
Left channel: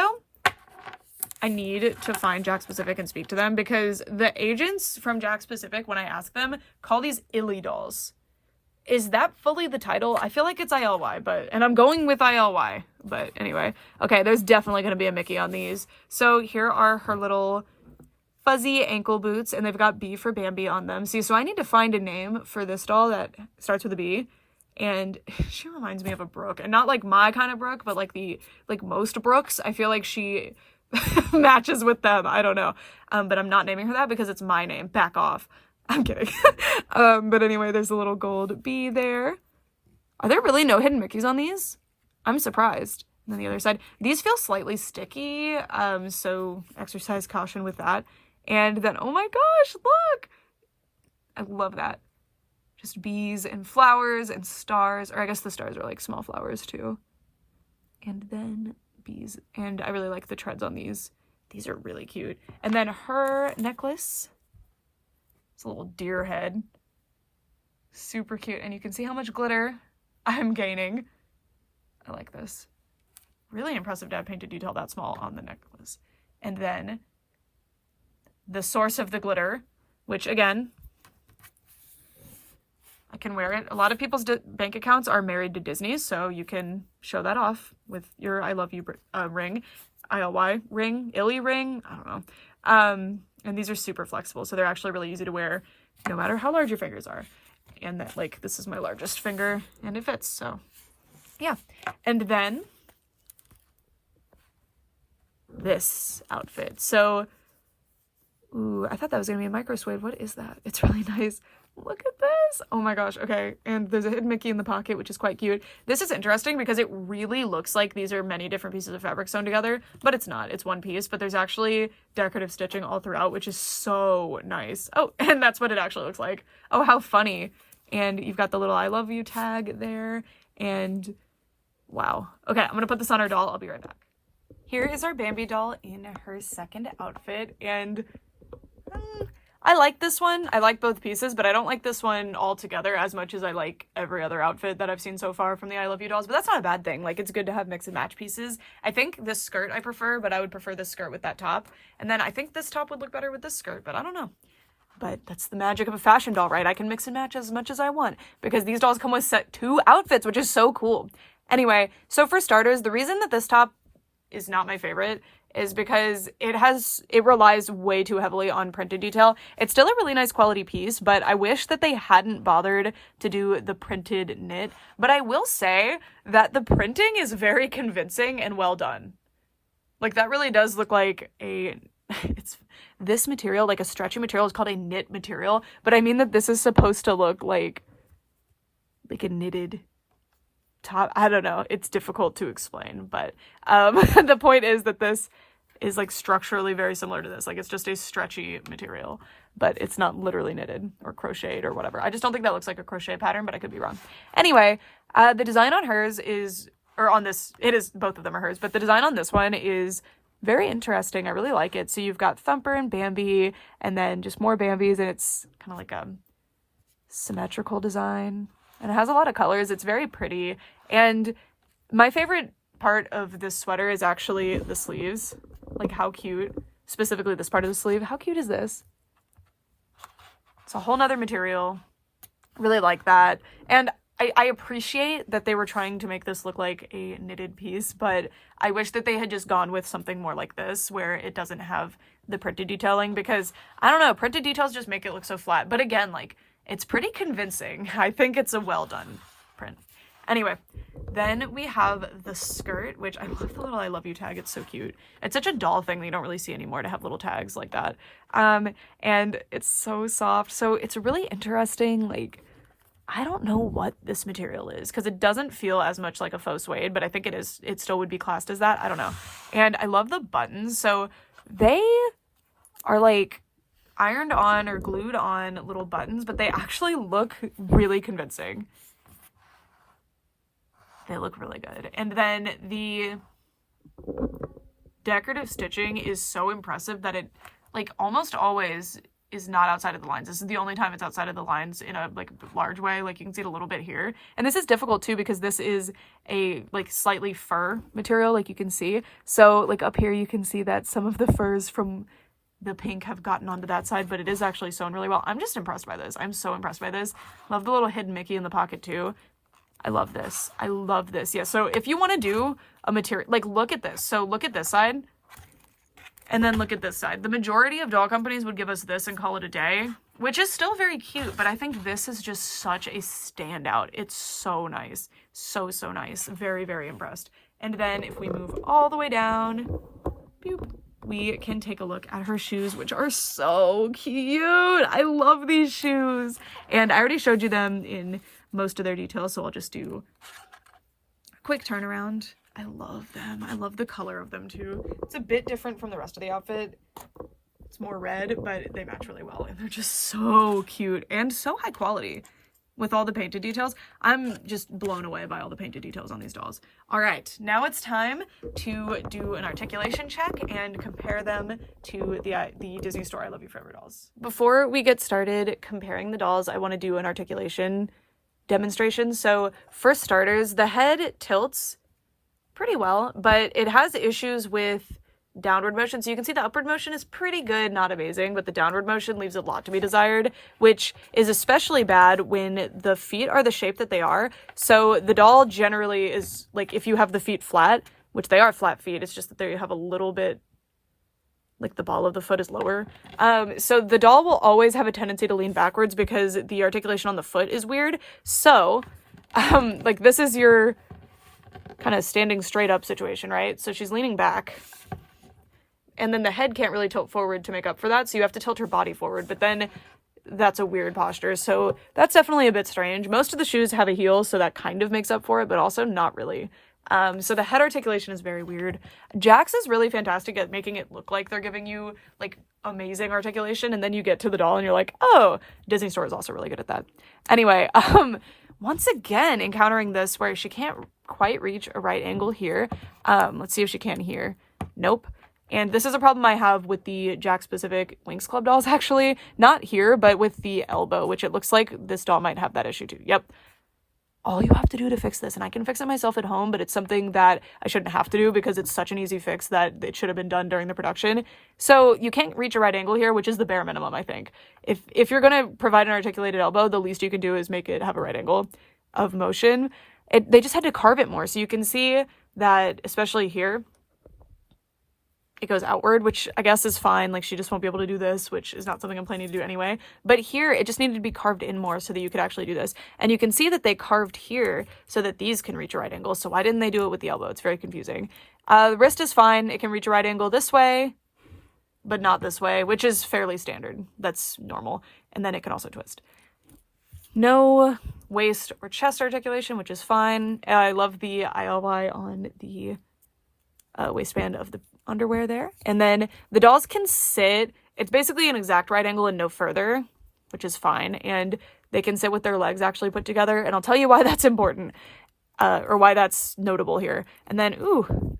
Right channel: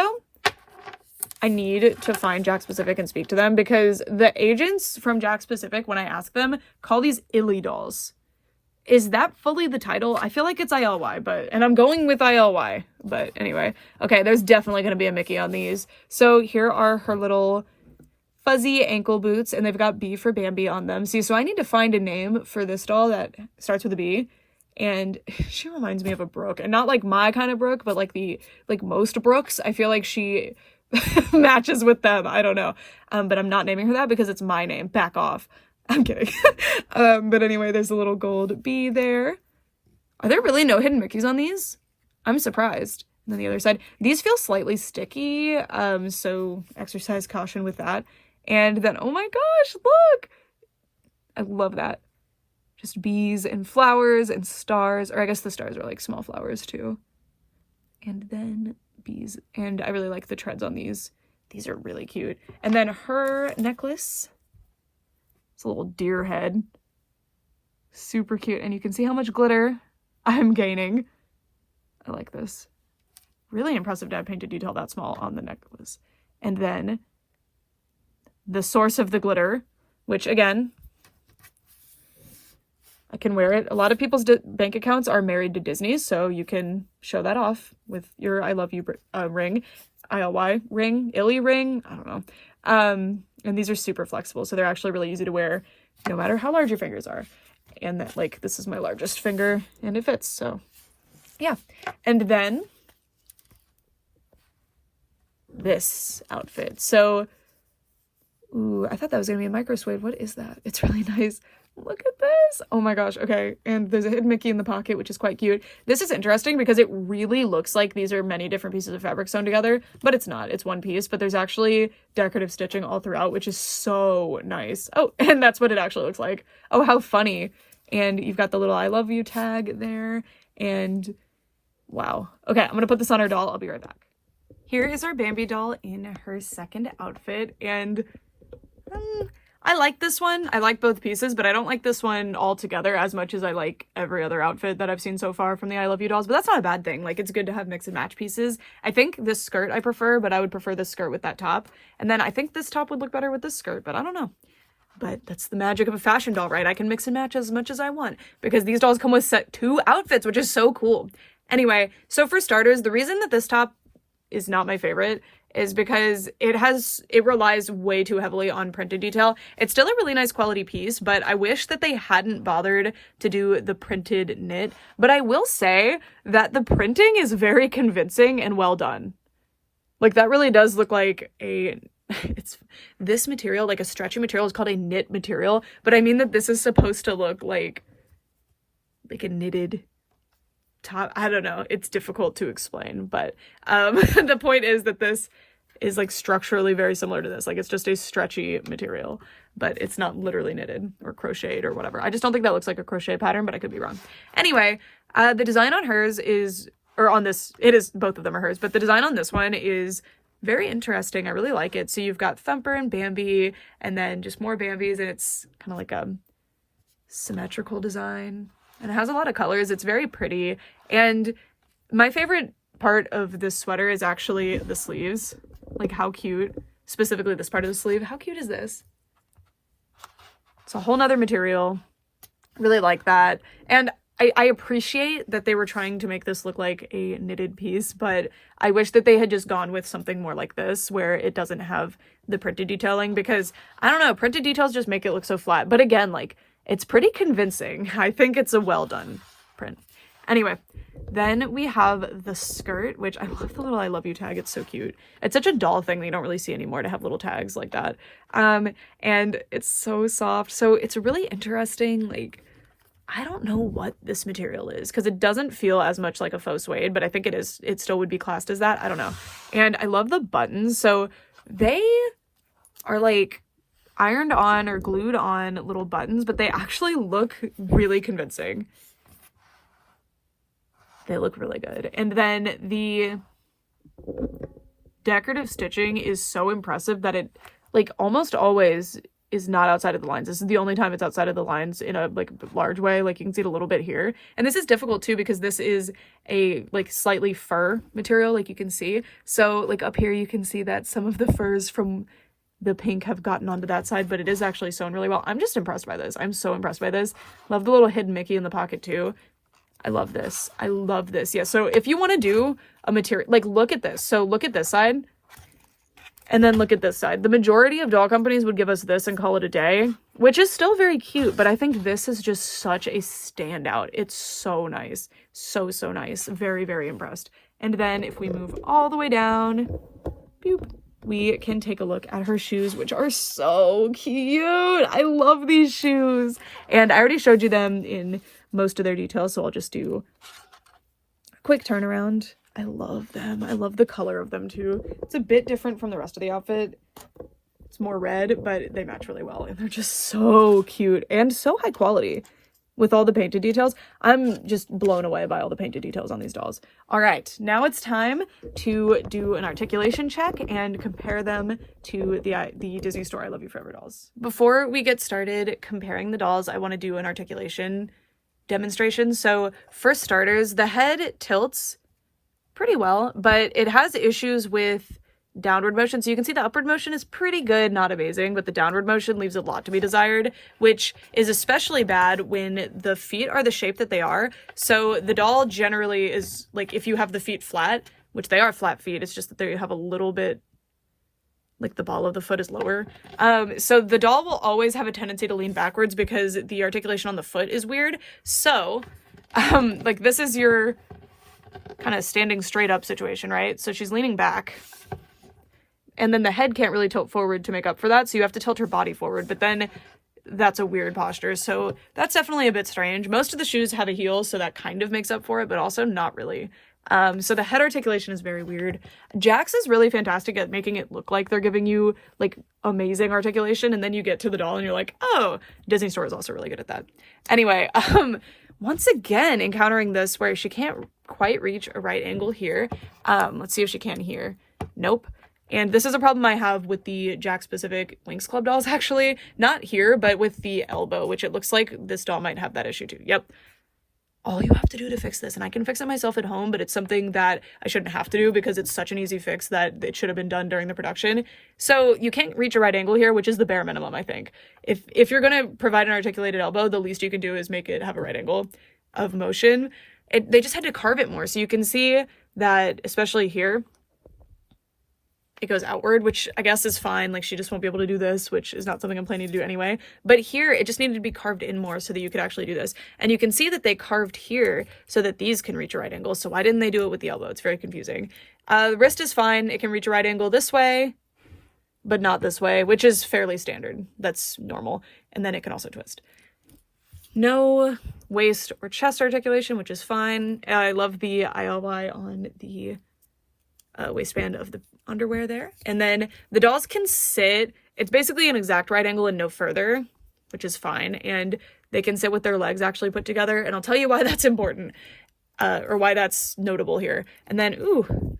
I need to find JAKKS Pacific and speak to them, because the agents from JAKKS Pacific, when I ask them, call these ILY dolls. Is that fully the title? I feel like it's ILY, and I'm going with ILY, but anyway. Okay, there's definitely going to be a Mickey on these. So here are her little fuzzy ankle boots, and they've got B for Bambi on them. See, so I need to find a name for this doll that starts with a B, and she reminds me of a Brooke, and not like my kind of Brooke, but like most Brooks. I feel like she matches with them. I don't know. But I'm not naming her that because it's my name. Back off. I'm kidding. But anyway, there's a little gold bee there. Are there really no hidden Mickeys on these? I'm surprised. And then the other side, these feel slightly sticky. So exercise caution with that. And then, oh my gosh, look. I love that. Just bees and flowers and stars, or I guess the stars are like small flowers too. And then bees, and I really like the treads on these. These are really cute. And then her necklace, it's a little deer head, super cute, and you can see how much glitter I'm gaining. I like this. Really impressive to have painted detail that small on the necklace. And then the source of the glitter, which again, I can wear it. A lot of people's bank accounts are married to Disney, so you can show that off with your I love you ring, ILY ring, ILY ring, I don't know. And these are super flexible, so they're actually really easy to wear no matter how large your fingers are. And that, like, this is my largest finger and it fits, so yeah. And then this outfit. So, ooh, I thought that was gonna be a microwave. What is that? It's really nice. Look at this. Oh my gosh. Okay. And there's a hidden Mickey in the pocket, which is quite cute. This is interesting because it really looks like these are many different pieces of fabric sewn together, but it's not. It's one piece, but there's actually decorative stitching all throughout, which is so nice. Oh, and that's what it actually looks like. Oh, how funny. And you've got the little I love you tag there. And wow. Okay. I'm going to put this on our doll. I'll be right back. Here is our Bambi doll in her second outfit. And I like this one. I like both pieces, but I don't like this one all together as much as I like every other outfit that I've seen so far from the I Love You dolls, but that's not a bad thing. Like, it's good to have mix and match pieces. I think this skirt I prefer, but I would prefer this skirt with that top. And then I think this top would look better with this skirt, but I don't know. But that's the magic of a fashion doll, right? I can mix and match as much as I want because these dolls come with set 2 outfits, which is so cool. Anyway, so for starters, the reason that this top is not my favorite is because it relies way too heavily on printed detail. It's still a really nice quality piece, but I wish that they hadn't bothered to do the printed knit. But I will say that the printing is very convincing and well done. Like, that really does look like it's this material, like a stretchy material, is called a knit material, but I mean that this is supposed to look like a knitted top. I don't know. It's difficult to explain, but the point is that this is like structurally very similar to this. Like, it's just a stretchy material, but it's not literally knitted or crocheted or whatever. I just don't think that looks like a crochet pattern, but I could be wrong. Anyway, the design on hers is, or on this, it is, both of them are hers, but the design on this one is very interesting. I really like it. So you've got Thumper and Bambi, and then just more Bambis, and it's kind of like a symmetrical design, and it has a lot of colors. It's very pretty, and my favorite part of this sweater is actually the sleeves. Like, how cute, specifically this part of the sleeve. How cute is this? It's a whole nother material. Really like that. And I appreciate that they were trying to make this look like a knitted piece, but I wish that they had just gone with something more like this, where it doesn't have the printed detailing, because I don't know, printed details just make it look so flat. But again, like, it's pretty convincing. I think it's a well done print. Anyway, then we have the skirt, which I love the little I love you tag. It's so cute. It's such a doll thing that you don't really see anymore, to have little tags like that. And it's so soft. So it's really interesting, like, I don't know what this material is because it doesn't feel as much like a faux suede, but I think it is. It still would be classed as that. I don't know. And I love the buttons. So they are like ironed on or glued on little buttons, but they actually look really convincing. They look really good. And then the decorative stitching is so impressive that it like almost always is not outside of the lines. This is the only time it's outside of the lines in a like large way. Like you can see it a little bit here. And this is difficult too because this is a like slightly fur material, like you can see. So like up here you can see that some of the furs from the pink have gotten onto that side, but it is actually sewn really well. I'm just impressed by this. I'm so impressed by this. Love the little hidden Mickey in the pocket too. I love this. I love this. Yeah, so if you want to do a material, like look at this. So look at this side and then look at this side. The majority of doll companies would give us this and call it a day, which is still very cute, but I think this is just such a standout. It's so nice. So, so nice. Very, very impressed. And then if we move all the way down, boop, we can take a look at her shoes, which are so cute. I love these shoes. And I already showed you them in most of their details, so I'll just do a quick turnaround. I love them. I love the color of them too. It's a bit different from the rest of the outfit. It's more red, but they match really well, and they're just so cute and so high quality with all the painted details. I'm just blown away by all the painted details on these dolls. All right, now it's time to do an articulation check and compare them to the Disney Store I Love You Forever dolls. Before we get started comparing the dolls, I want to do an articulation demonstration. So for starters, the head tilts pretty well, but it has issues with downward motion. So you can see the upward motion is pretty good, not amazing, but the downward motion leaves a lot to be desired, which is especially bad when the feet are the shape that they are. So the doll generally is like, if you have the feet flat, which they are flat feet, it's just that they have a little bit, like the ball of the foot is lower. So the doll will always have a tendency to lean backwards because the articulation on the foot is weird. So like this is your kind of standing straight up situation, right? So she's leaning back and then the head can't really tilt forward to make up for that. So you have to tilt her body forward, but then that's a weird posture. So that's definitely a bit strange. Most of the shoes have a heel, so that kind of makes up for it, but also not really. So the head articulation is very weird. JAKKS is really fantastic at making it look like they're giving you like amazing articulation, and then you get to the doll and you're like, oh, Disney Store is also really good at that. Anyway, once again, encountering this where she can't quite reach a right angle here. Let's see if she can here. Nope. And this is a problem I have with the JAKKS specific Winx Club dolls, actually. Not here, but with the elbow, which it looks like this doll might have that issue too. Yep. All you have to do to fix this, and I can fix it myself at home, but it's something that I shouldn't have to do because it's such an easy fix that it should have been done during the production. So you can't reach a right angle here, which is the bare minimum, I think. If you're going to provide an articulated elbow, the least you can do is make it have a right angle of motion. They just had to carve it more. So you can see that, especially here, it goes outward, which I guess is fine. Like, she just won't be able to do this, which is not something I'm planning to do anyway. But here, it just needed to be carved in more so that you could actually do this. And you can see that they carved here so that these can reach a right angle. So why didn't they do it with the elbow? It's very confusing. The wrist is fine. It can reach a right angle this way, but not this way, which is fairly standard. That's normal. And then it can also twist. No waist or chest articulation, which is fine. I love the ILY on the waistband of the underwear there. And then the dolls can sit, it's basically an exact right angle and no further, which is fine. And they can sit with their legs actually put together. And I'll tell you why that's important, or why that's notable here. And then, ooh,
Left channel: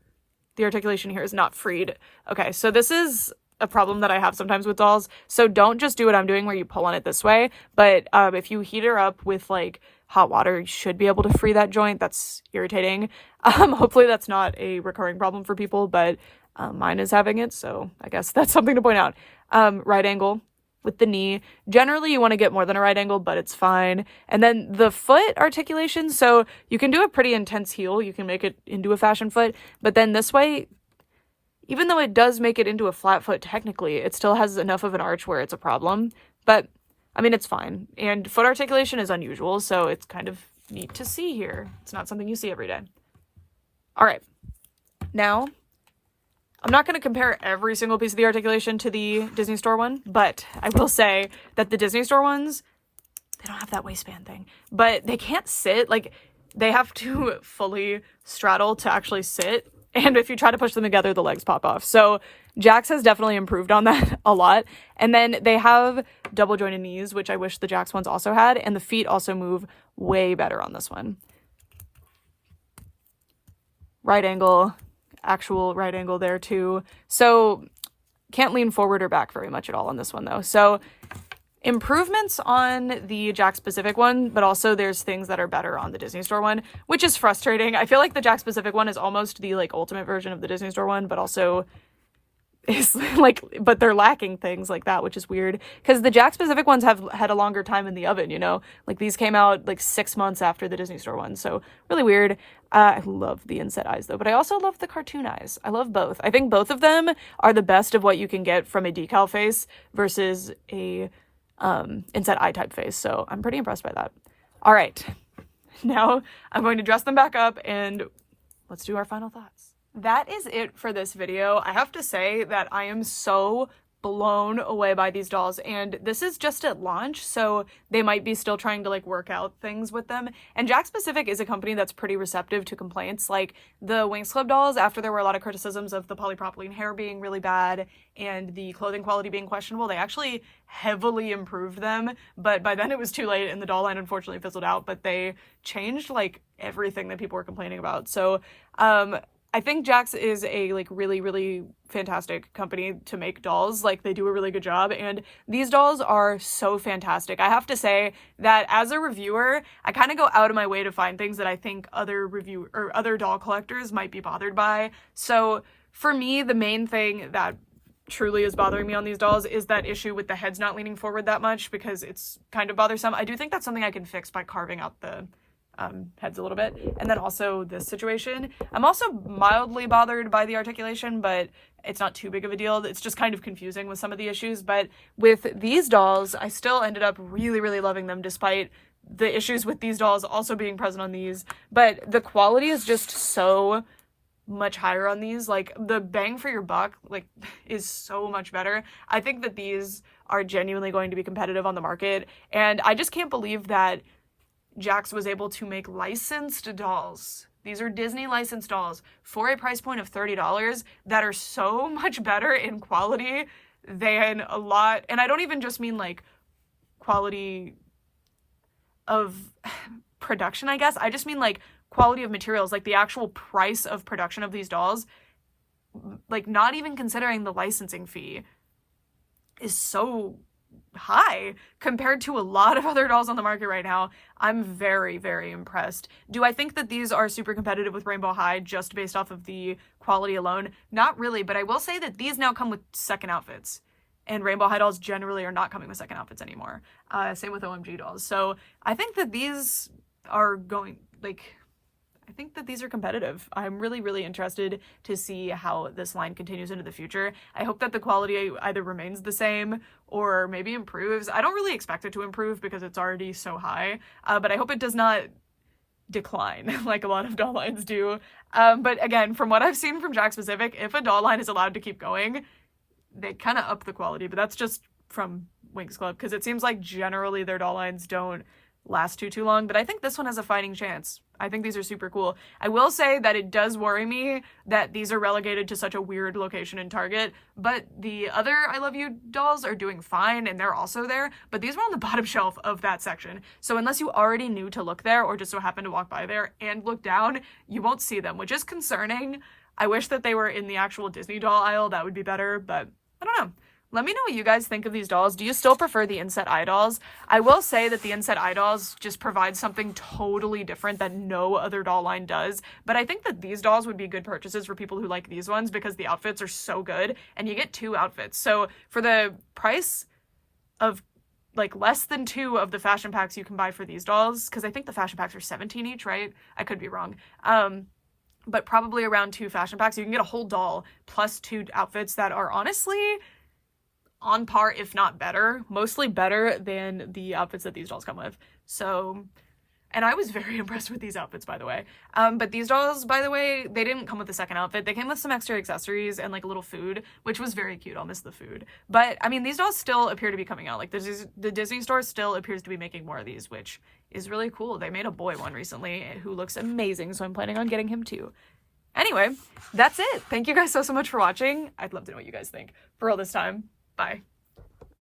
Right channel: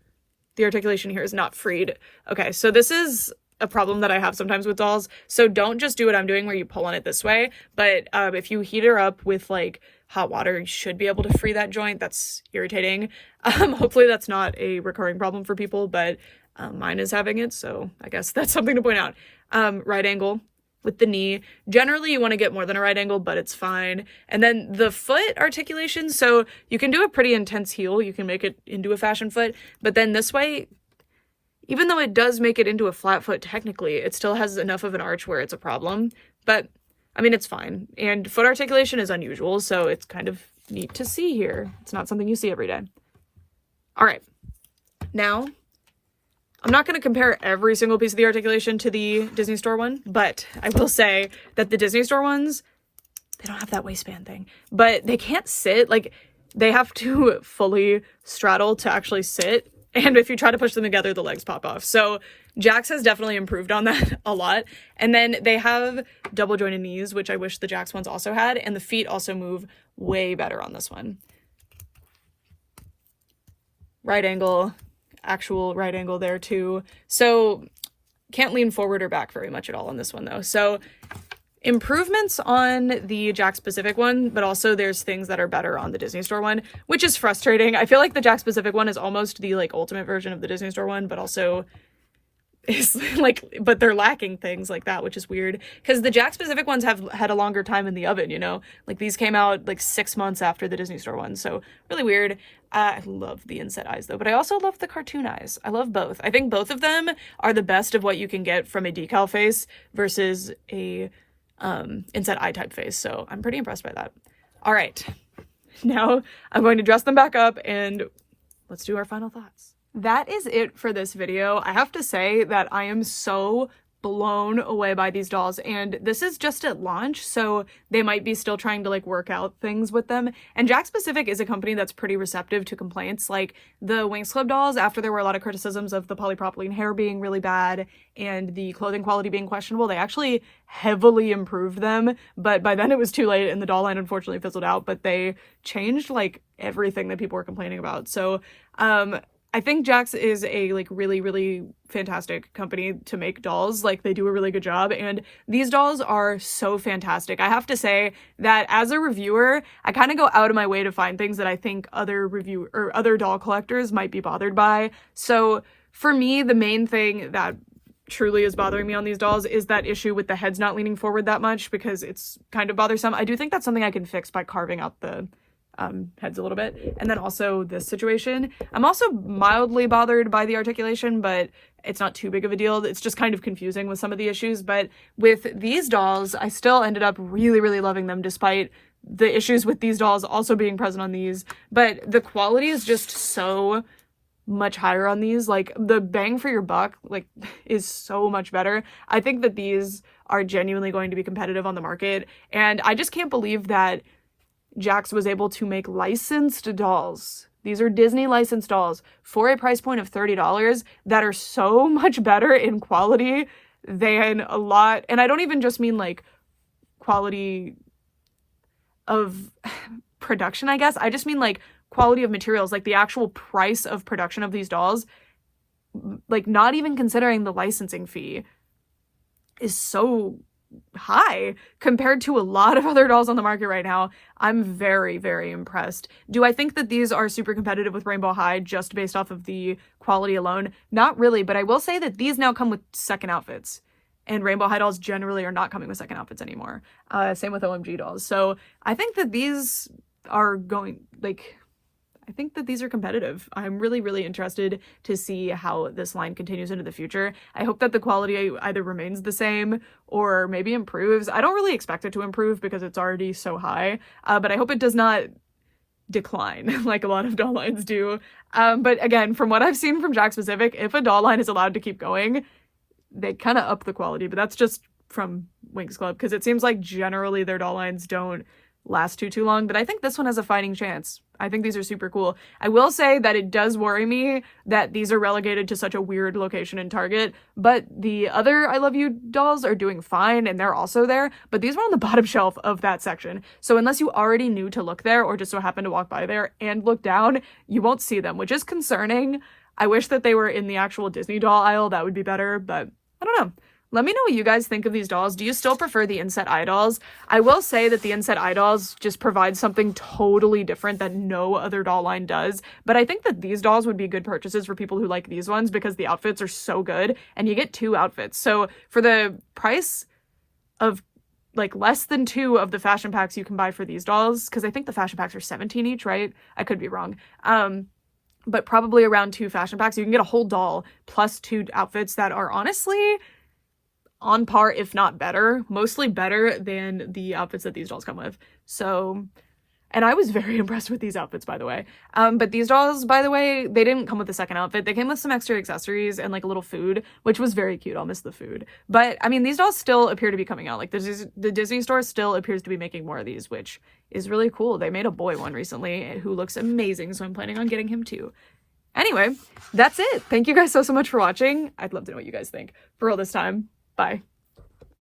the articulation here is not freed. Okay, so this is a problem that I have sometimes with dolls. So don't just do what I'm doing where you pull on it this way. But if you heat her up with like hot water, you should be able to free that joint. That's irritating. Hopefully that's not a recurring problem for people, but mine is having it, so I guess that's something to point out. Right angle with the knee. Generally, you want to get more than a right angle, but it's fine. And then the foot articulation, so you can do a pretty intense heel. You can make it into a fashion foot, but then this way, even though it does make it into a flat foot technically, it still has enough of an arch where it's a problem. But, I mean, it's fine. And foot articulation is unusual, so it's kind of neat to see here. It's not something you see every day. All right. Now, I'm not going to compare every single piece of the articulation to the Disney Store one, but I will say that the Disney Store ones they don't have that waistband thing, but they can't sit. Like, they have to fully straddle to actually sit. And if you try to push them together, the legs pop off. So JAKKS has definitely improved on that a lot. And then they have double jointed knees, which I wish the JAKKS ones also had. And the feet also move way better on this one. Right angle, actual right angle there too. So can't lean forward or back very much at all on this one though. So improvements on the JAKKS Pacific one, but also there's things that are better on the Disney Store one, which is frustrating. I feel like the JAKKS Pacific one is almost the like ultimate version of the Disney Store one, but also is like, but they're lacking things like that, which is weird because the JAKKS Pacific ones have had a longer time in the oven, you know, like these came out like 6 months after the Disney Store one. So really weird. I love the inset eyes though, but I also love the cartoon eyes. I love both. I think both of them are the best of what you can get from a decal face versus a inset eye type face. So I'm pretty impressed by that. All right, now I'm going to dress them back up and let's do our final thoughts. That is it for this video. I have to say that I am so blown away by these dolls, and this is just at launch, so they might be still trying to like work out things with them. And JAKKS Pacific is a company that's pretty receptive to complaints. Like the Winx Club dolls, after there were a lot of criticisms of the polypropylene hair being really bad and the clothing quality being questionable, they actually heavily improved them, but by then it was too late and the doll line unfortunately fizzled out. But they changed like everything that people were complaining about. So I think JAKKS is a like really, really fantastic company to make dolls. Like they do a really good job, and these dolls are so fantastic. I have to say that as a reviewer, I kind of go out of my way to find things that I think other doll collectors might be bothered by. So for me, the main thing that truly is bothering me on these dolls is that issue with the heads not leaning forward that much, because it's kind of bothersome. I do think that's something I can fix by carving out the heads a little bit. And then also this situation, I'm also mildly bothered by the articulation, but it's not too big of a deal. It's just kind of confusing with some of the issues. But with these dolls, I still ended up really, really loving them despite the issues with these dolls also being present on these. But the quality is just so much higher on these. Like the bang for your buck like is so much better. I think that these are genuinely going to be competitive on the market, and I just can't believe that JAKKS was able to make licensed dolls. These are Disney licensed dolls for a price point of $30 that are so much better in quality than a lot. And I don't even just mean like quality of production, I guess. I just mean like quality of materials, like the actual price of production of these dolls, like not even considering the licensing fee, is so high compared to a lot of other dolls on the market right now. I'm very, very impressed. Do I think that these are super competitive with Rainbow High just based off of the quality alone? Not really, but I will say that these now come with second outfits, and Rainbow High dolls generally are not coming with second outfits anymore. Same with OMG dolls. So I think that these are going, like, I think that these are competitive. I'm really, really interested to see how this line continues into the future. I hope that the quality either remains the same or maybe improves. I don't really expect it to improve because it's already so high, but I hope it does not decline like a lot of doll lines do. But again, from what I've seen from JAKKS Pacific, if a doll line is allowed to keep going, they kind of up the quality, but that's just from Winx Club because it seems like generally their doll lines don't last too long, but I think this one has a fighting chance. I think these are super cool. I will say that it does worry me that these are relegated to such a weird location in Target, but the other I Love You dolls are doing fine and they're also there, but these were on the bottom shelf of that section. So unless you already knew to look there or just so happened to walk by there and look down, you won't see them, which is concerning. I wish that they were in the actual Disney doll aisle. That would be better, but I don't know. Let me know what you guys think of these dolls. Do you still prefer the inset eye dolls? I will say that the inset eye dolls just provide something totally different that no other doll line does. But I think that these dolls would be good purchases for people who like these ones because the outfits are so good and you get 2 outfits. So for the price of like less than 2 of the fashion packs you can buy for these dolls, because I think the fashion packs are $17 each, right? I could be wrong. But probably around 2 fashion packs, you can get a whole doll plus 2 outfits that are honestly on par, if not better, mostly better than the outfits that these dolls come with. So And I was very impressed with these outfits, by the way. But these dolls, by the way, they didn't come with the second outfit. They came with some extra accessories and like a little food, which was very cute. I'll miss the food. But I mean, these dolls still appear to be coming out. Like the Disney store still appears to be making more of these, which is really cool. They made a boy one recently who looks amazing, so I'm planning on getting him too. Anyway, that's it. Thank you guys so much for watching. I'd love to know what you guys think. For real this time. Bye.